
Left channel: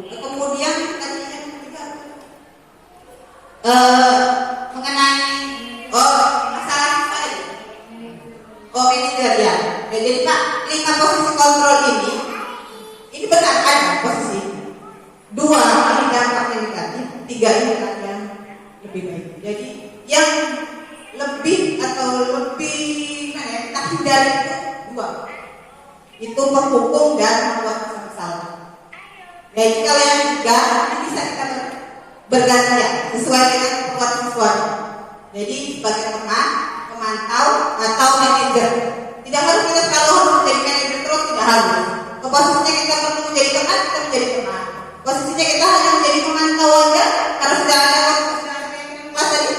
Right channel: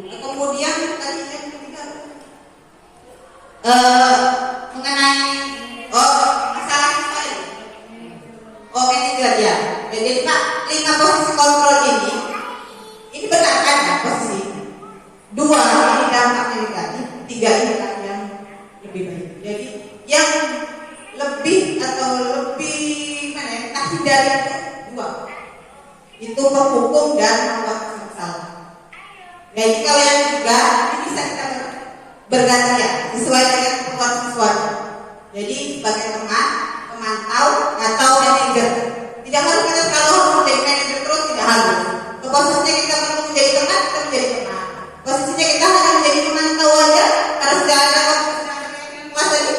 Kemudian tadi yang ketiga mengenai masalah ini. Manajer ya. Jadi Pak, 5 posisi menghukum dan membuat rasa bersalah. Jadi kalau yang juga bisa kita bergantian sesuai dengan kebutuhan siswanya. Jadi sebagai teman, pemantau atau manajer. Tidak harus kita selalu harus menjadi manajer terus, tidak harus. Posisinya kita perlu menjadi teman, kita menjadi teman. Posisinya kita hanya menjadi pemantau aja, harus tidak ada kelas tadi.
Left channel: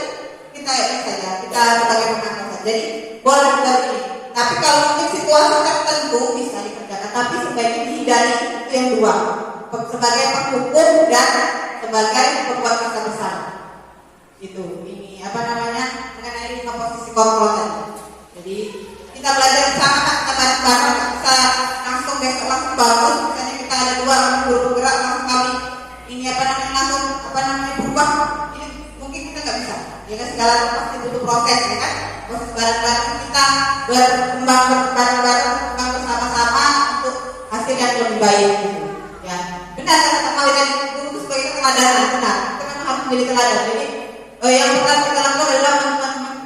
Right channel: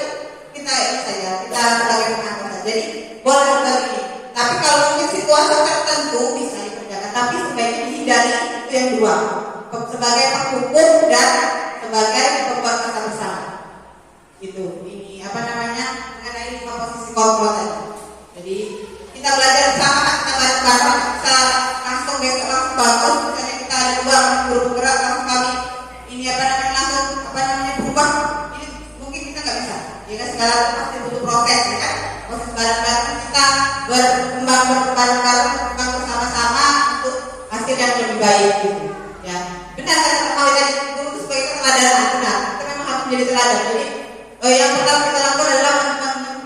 Kita ini saja, kita sebagai pemantau saja. Jadi boleh seperti ini. Tapi kalau untuk situasi tertentu bisa dikerjakan, tapi sebaiknya dihindari itu yang dua, sebagai penghukum dan sebagai pembuat rasa bersalah. Itu ini apa namanya mengenai posisi kontrol tadi. Jadi kita belajar bersama, kita bareng-bareng, kita langsung besok langsung bangun. Misalnya kita ada dua guru penggerak, langsung kami ini apa namanya berubah. Ini mungkin kita nggak bisa. Ya kan segala pasti butuh proses, ya kan? Proses bareng-bareng kita berkembang bareng-bareng, berkembang bersama-sama untuk hasil yang lebih baik. Gitu. Ya benar kata kau yang guru itu sebagai teladan, benar. Kita memang harus menjadi teladan. Jadi yang pertama kita lakukan adalah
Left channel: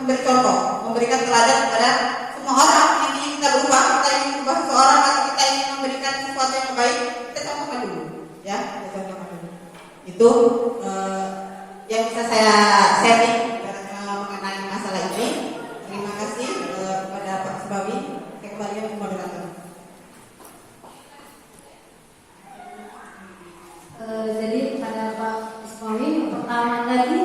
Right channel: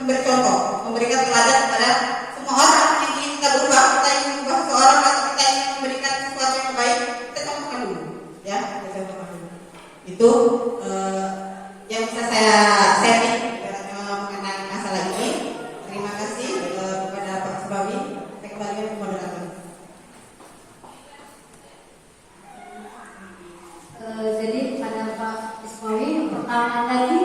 memberi contoh, memberikan teladan kepada semua orang yang ingin kita berubah, kita ingin mengubah seseorang atau kita ingin memberikan sesuatu yang baik, kita contohkan dulu, ya, kita contohkan dulu. Itu yang bisa saya sharing mengenai masalah ini. Terima kasih kepada Pak Subawi. Saya kembalikan ke moderator. Jadi pada Pak Ismawi yang pertama tadi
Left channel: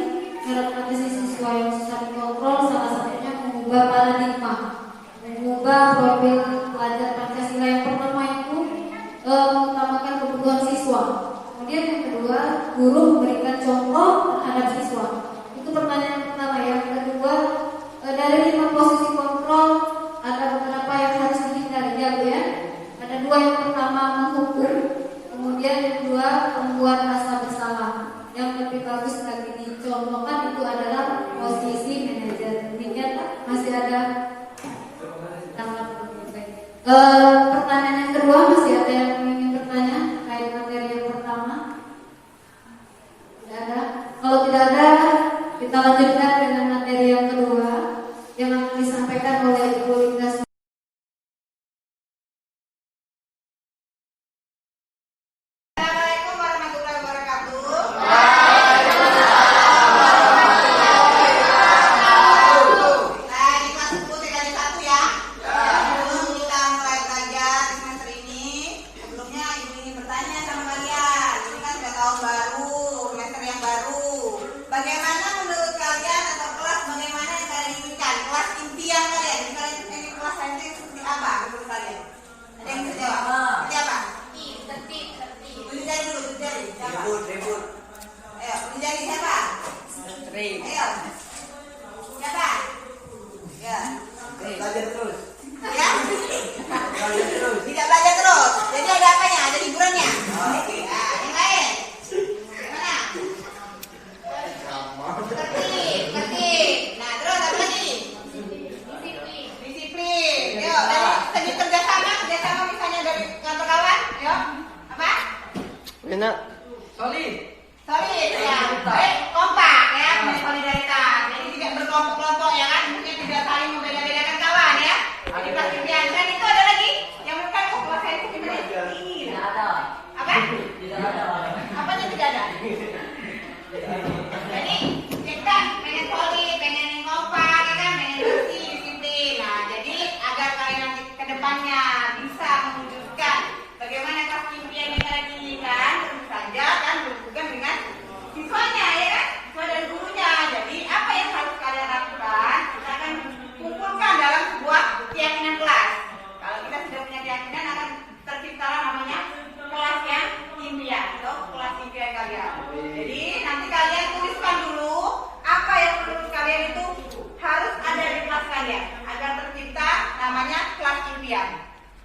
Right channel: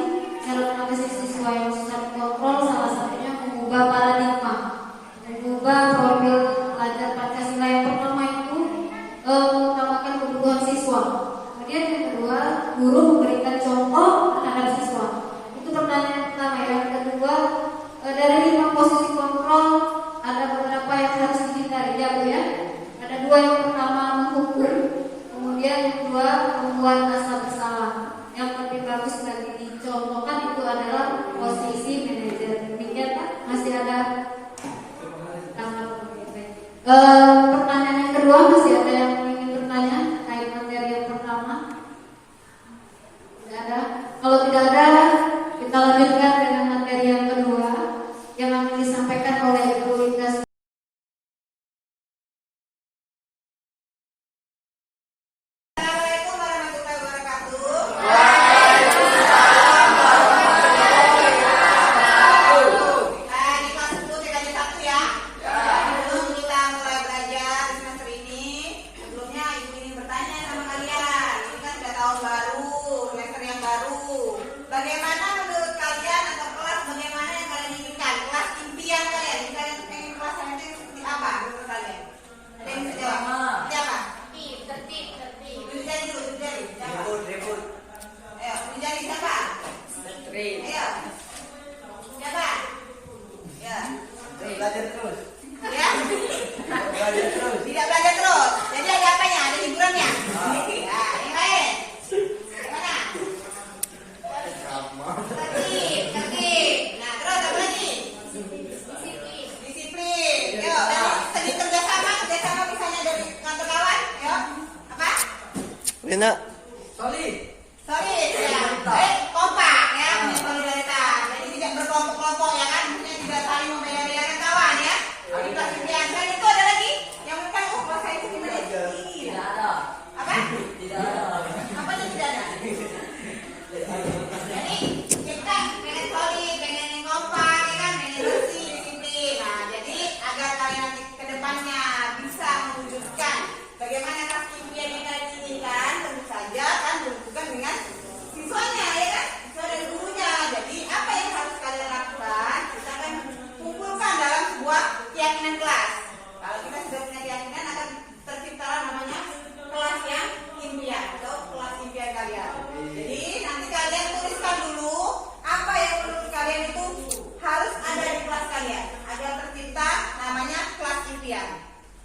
karakteristik siswa yang susah dikontrol salah satunya mengubah paradigma, mengubah profil pelajar Pancasila. Yang pertama itu mengutamakan kebutuhan siswa. Kemudian yang kedua, guru memberikan contoh terhadap siswa. Itu pertanyaan yang pertama. Yang kedua, dari 5 posisi kontrol ada beberapa yang harus dihindari, ya Bu ya. Ada 2, yang pertama menghukum, kemudian yang kedua membuat rasa bersalah. Yang lebih bagus lagi dicontohkan itu adalah posisi manajer. Demikian Pak, masih ada pertanyaan yang kedua, masih ada yang ingin bertanya terkait materi yang pertama? Tidak ada. Kalau tidak ada, kita lanjutkan dengan materi yang kedua yang akan disampaikan oleh Ibu Linda. Assalamualaikum warahmatullahi wabarakatuh. Di kelas 10 tingkat 1 ya. Sebelum kita mulai belajar di semester ini, sebelumnya ibu ingin bertanya sama kalian. Ini kan sudah tahun baru, semester yang baru. Bagaimana menurut kalian atau kelas bagaimana yang kalian inginkan? Kelas impian kalian, misalnya pengen kelas nanti seperti apa menurut kalian? Ada yang bisa jawab? Seperti apa? Tertib. Dijari dulu, dijari. Siapa? Ribut. Ayo, dijari siapa? Ayo. Siapa? Ya. Belajar terus. Ya? Belajar terus. Tidak belajar terus. Jadi ada apanya? Ada hiburannya. Nah, yang lain. Gimana? Tertib. Nah, terus apa lagi? Disiplin. Yuk, dari segi kerjasama misalnya dari kawan-kawan. Yuk, apa? Enak. Solid ya. Kompak ya, solidaritas. Jadi tidak berkelompok-kelompok ya kan, maksudnya tidak saling membeda-bedakan kawan ya. Jadi kelas impian. Dan itu ada lagi yang mereka kelas saya itu gimana? Tidak ada. Apa? Tidak ada. Apanya tidak ada? Jadi kita pengen solid, pengen yang kompak ya kan, pengen bersih, disiplin. Nah, jadi agar kalian nanti ke depannya bisa mewujudkan bagaimana kelas impian yang kalian inginkan, tentu saja kan bukan dengan siswanya ya kan, siswa dan gurunya. Jadi apa yang harus kalian lakukan? Kita akan kumpulkan dalam sebuah keyakinan kelas. Kalau kita sudah punya keyakinan, akan tercipta namanya kelas yang impian atau kelas impian kalian. Jadi nanti kalian tuliskan dulu apa yang menurut kalian itu harus ada di kelas kalian agar tercipta namanya kelas impian.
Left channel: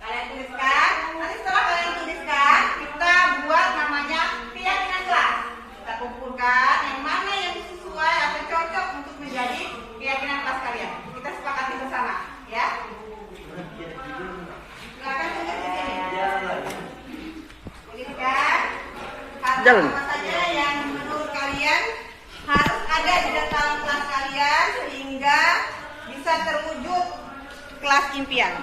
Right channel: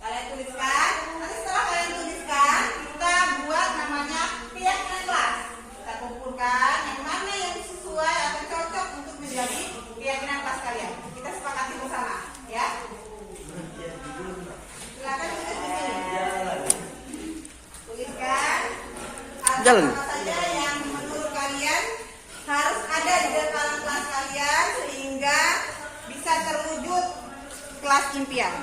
Kalian tuliskan, nanti setelah kalian tuliskan, kita buat namanya keyakinan kelas. Kita kumpulkan yang mana yang sesuai atau cocok untuk menjadi keyakinan kelas kalian. Kita sepakati bersama, ya. Silakan tulis di sini. Tuliskan apa saja yang menurut kalian harus ada di dalam kelas kalian sehingga bisa terwujud kelas impian.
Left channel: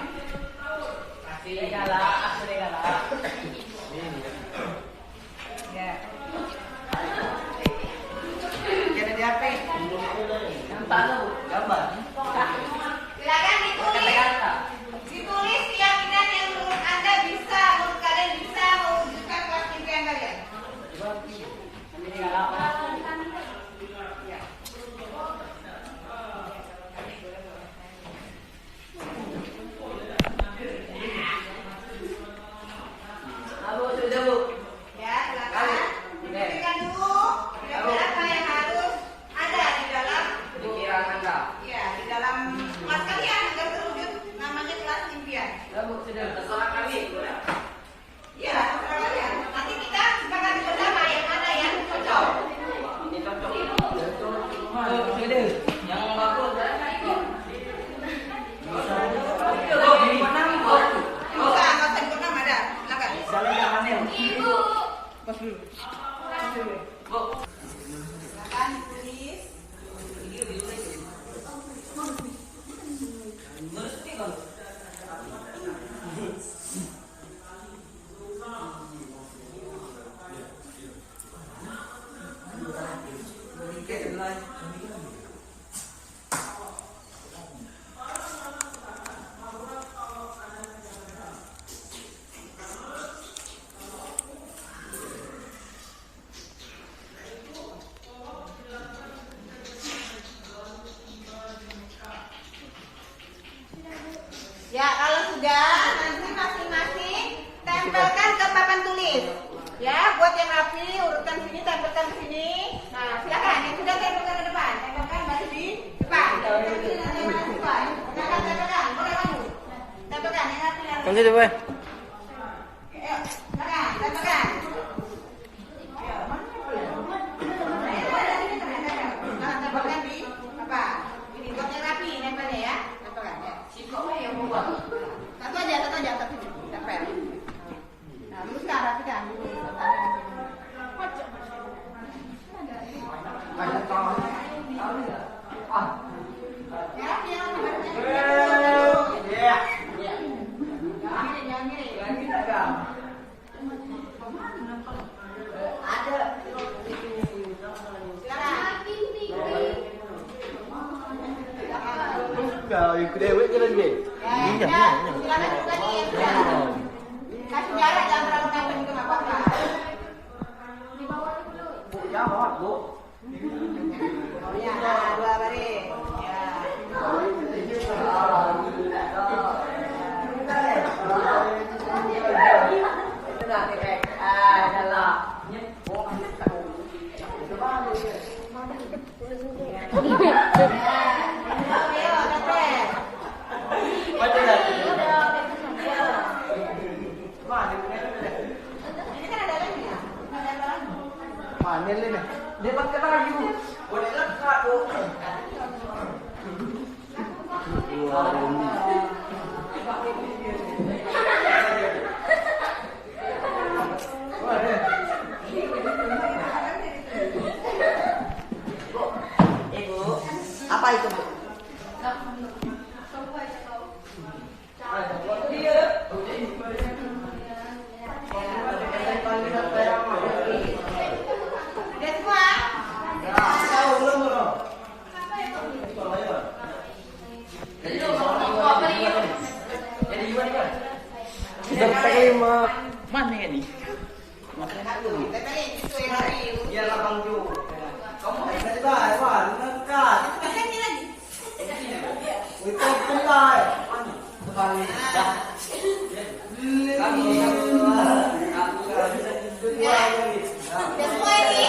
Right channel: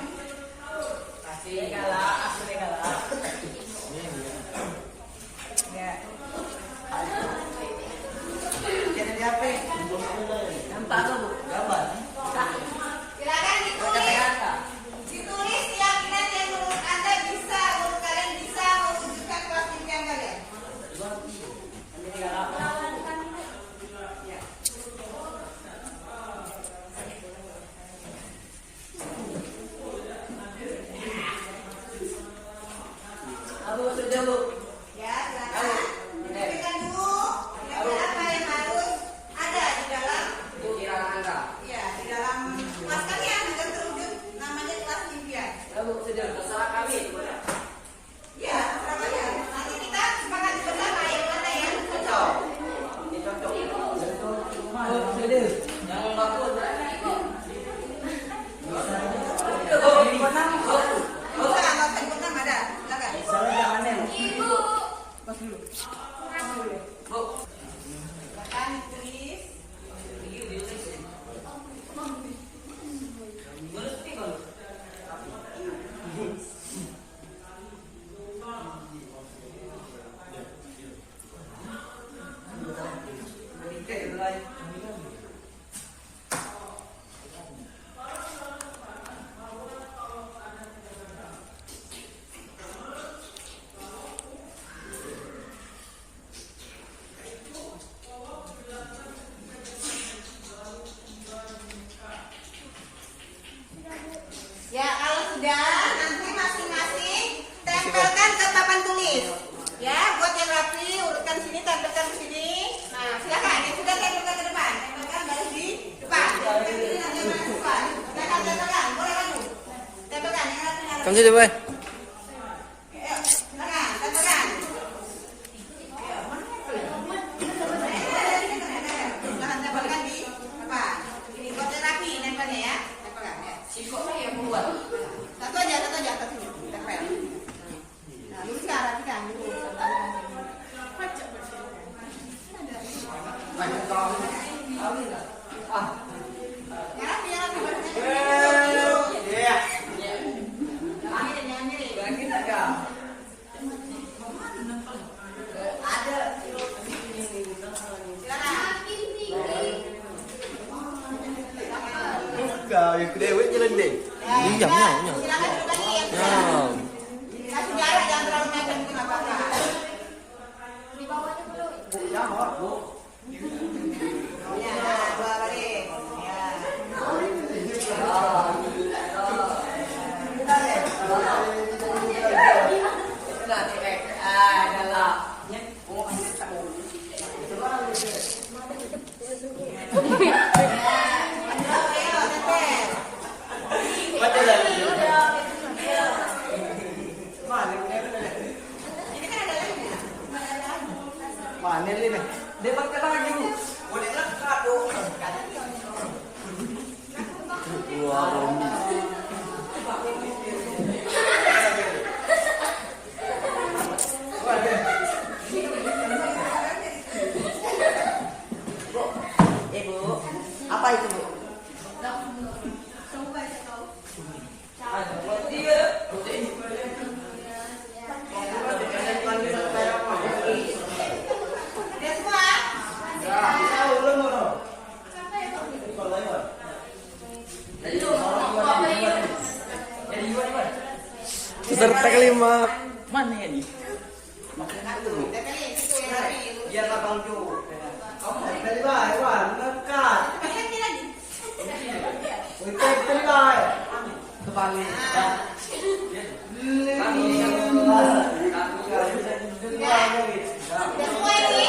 sudah Bu. Ya, silakan. Diberikan dulu. Kira-kira apa yang harus ada di dalam? Pikiran Anda. Ya, di dalam kelas kalian agar terwujud namanya kelas impian. Ya Bu, sudah terserah kami. Ya, terserah kalian. Nanti kita sepakat bersama yang mana yang cocok. Ini cocok. Sudah. Yang bagus. Bisa, nggak usah dipegang, ada. Silakan. Silakan ditulis. Ya, kalau sudah nanti masing-masing tempelkan ke papan tulis. Ya, buat yang rapi urutkan sini, tempelkan ke sini. Nah, silakan yang sudah tempelkan ke depan, tempelkan baris di depan. Tempelkan sini nanti yang depan. Silakan tempelkan, boleh kamu. Tempelkan yang rapi nanti. Kamu sudah Bu. Ayo, silakan tempelkan. Ya, mana tempelkan di apa? Ini buat yang rapi nempelnya ya. Tempelkan ya. yang membuat. Satu aja atas sini. Tempel. Nah, luruskan, rapikan dulu. Banyak tahun. Wah. Ya, rapi, barisnya. Iya. Jangan miring. Ada. Kau ikut dewe jalan deh. Silakan duduk lagi yang sudah. Kasih jarak, jangan terlalu mepet itu nggak apa-apa. Bu, ya bawa Bu. Oh ya, nah, 2 baris. Ya. Ini kan ada lemnya. Panen ni. Dia makan lagi Bu. Boleh lekat Bu. Ibu, apa itu Bu? Udah semua? Berkelima mana ini? Makan dulu. Tempelin, itu yang rapi. Biar lapang dulu. Kamu dari bawah, wah, lekat. Tempelin lagi. Itu dari bawah. Kembali. Kami. Sudah semua ini?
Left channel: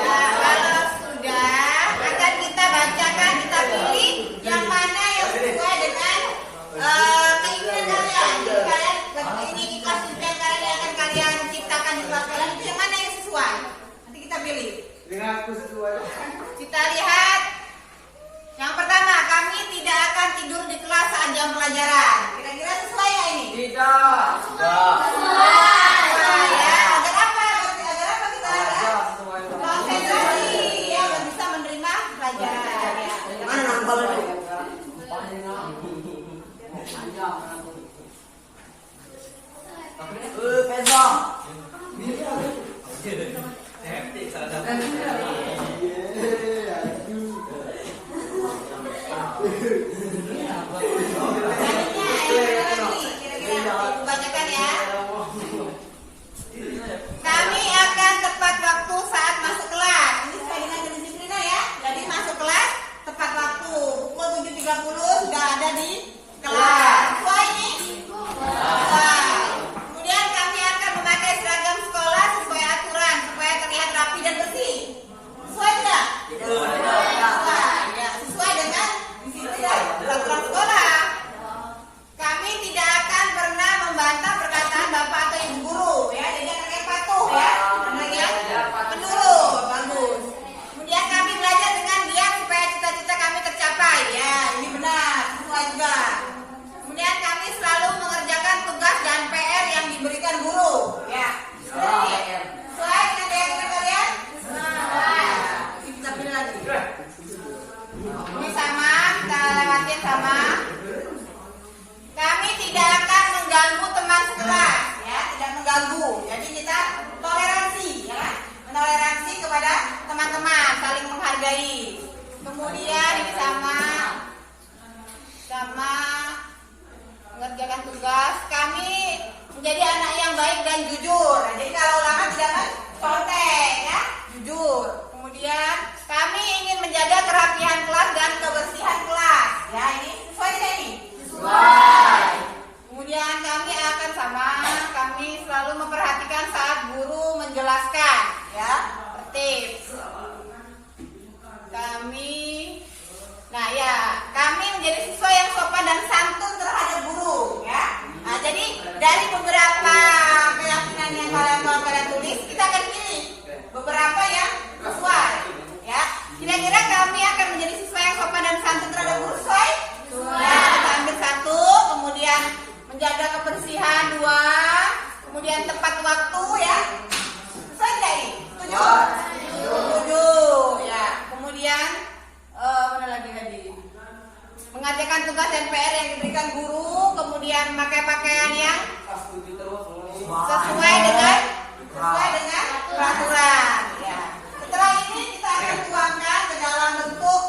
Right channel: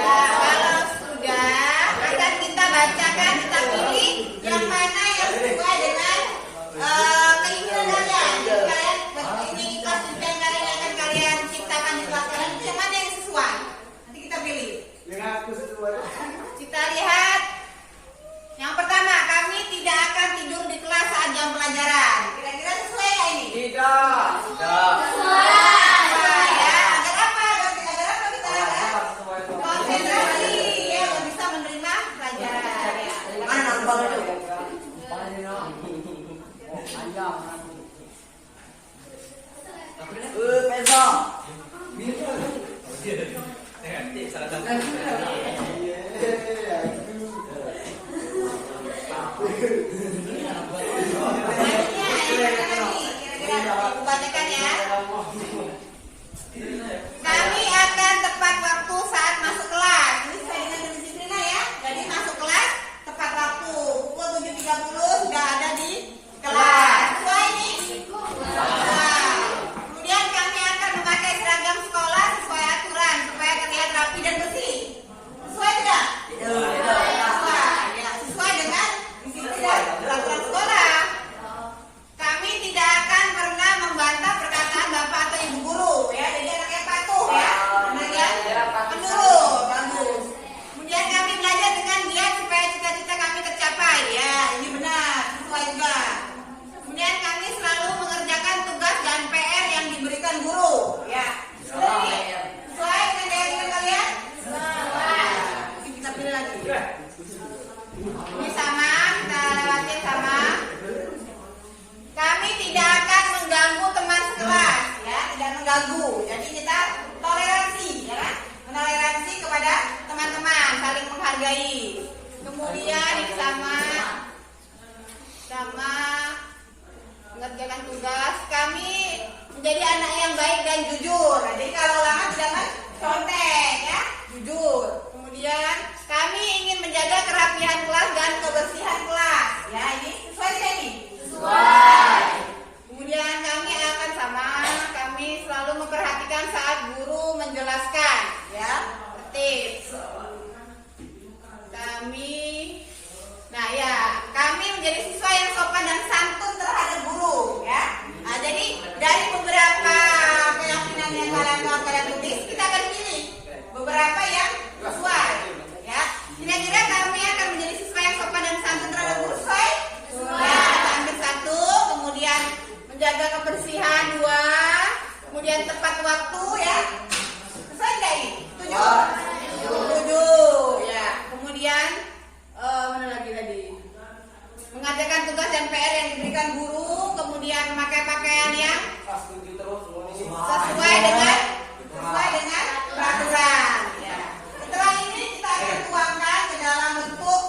Ya, kalau sudah akan kita bacakan, kita pilih yang mana yang sesuai dengan keinginan kalian. Jadi kalian ini kelas impian kalian yang akan kalian ciptakan di kelas kalian itu yang mana yang sesuai? Nanti kita pilih. Dengan aku sesuai. Kita lihat. Yang pertama, kami tidak akan tidur di kelas saat jam pelajaran. Kira-kira sesuai ya ini? Tidak. Tidak. Sesuai ya. Agar apa? Agar apa kita? Konsentrasi ya, agar bisa menerima pelajaran. Ya. Mana nambal itu? Pesong. Kira-kira aku bacakan ya. Kami akan tepat waktu saat masuk kelas. Ini sesuai dengan kedisiplinan ya. Jadi masuk kelas tepat waktu. Pukul 7.30 sudah ada di kelas. Sesuai ini? Sesuai. Kemudian kami akan baik dan jujur. Nah, jadi kalau ulangan jangan contek ya, jujur. Kemudian kami ingin menjaga kerapihan kelas dan kebersihan kelas. Ya, ini sesuai tidak ini? Sesuai. Kemudian kami selalu memperhatikan saat guru menjelaskan, ya, tertib. Kami menjadi siswa yang sopan dan santun terhadap guru, ya. Nah, jadi dari beberapa keyakinan yang kalian tulis, kita akan pilih beberapa yang sesuai, ya. Kira-kira kami akan menjadi siswa yang sopan dan santun terhadap guru sesuai? Ya, kita ambil satu, kemudian menjaga kebersihan 2, kemudian tepat waktu, ya. Sesuai tidak ini? 7, ya. Kemudian mana lagi tadi? Mengerjakan tugas dan PR yang diberikan guru, kemudian memakai pakaian yang sesuai dengan peraturan. Ya. Setelah ini kita akan tuangkan ke dalam bentuk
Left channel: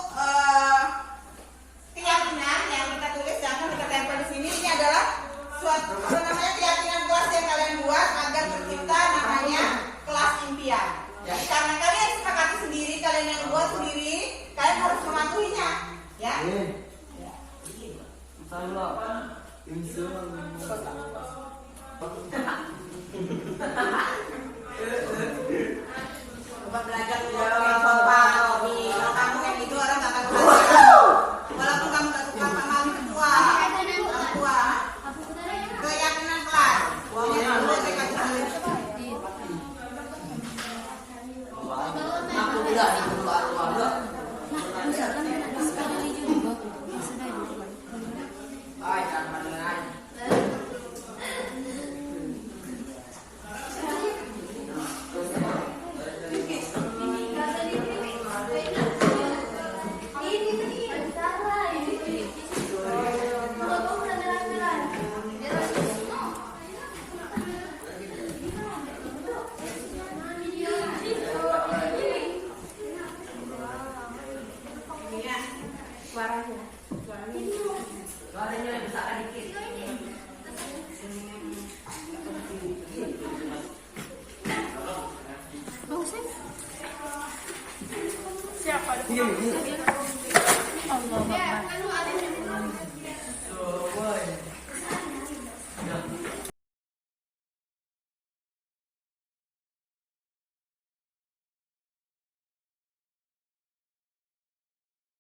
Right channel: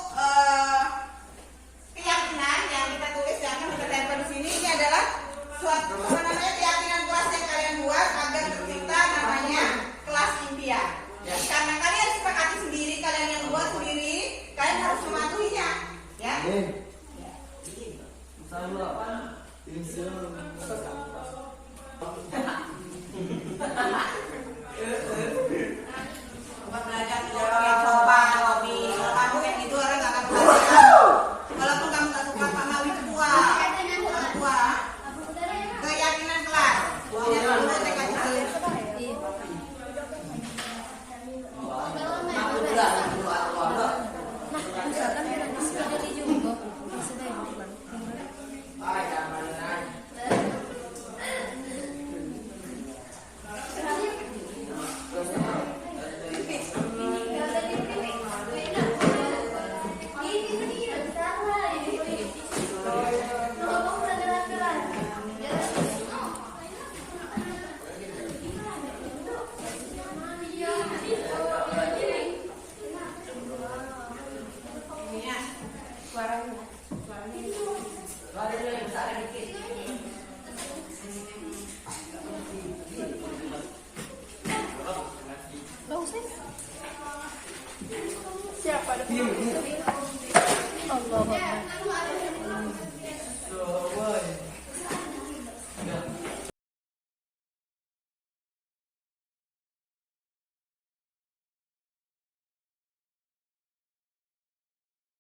keyakinan yang kita tulis, yang kita tempel di sini. Ini adalah suatu keyakinan kelas yang kalian buat agar tercipta namanya kelas impian. Jadi karena kalian sepakati sendiri, kalian yang buat sendiri, kalian harus mematuhinya, ya. Coba belajar coba Robi. Kalau kamu yang itu orang nggak akan belajar. Walaupun kamu nggak suka sama tua. Keyakinan kelas. Buangnya dulu saya kasih tahu. Aku juga itu dua. Siapa?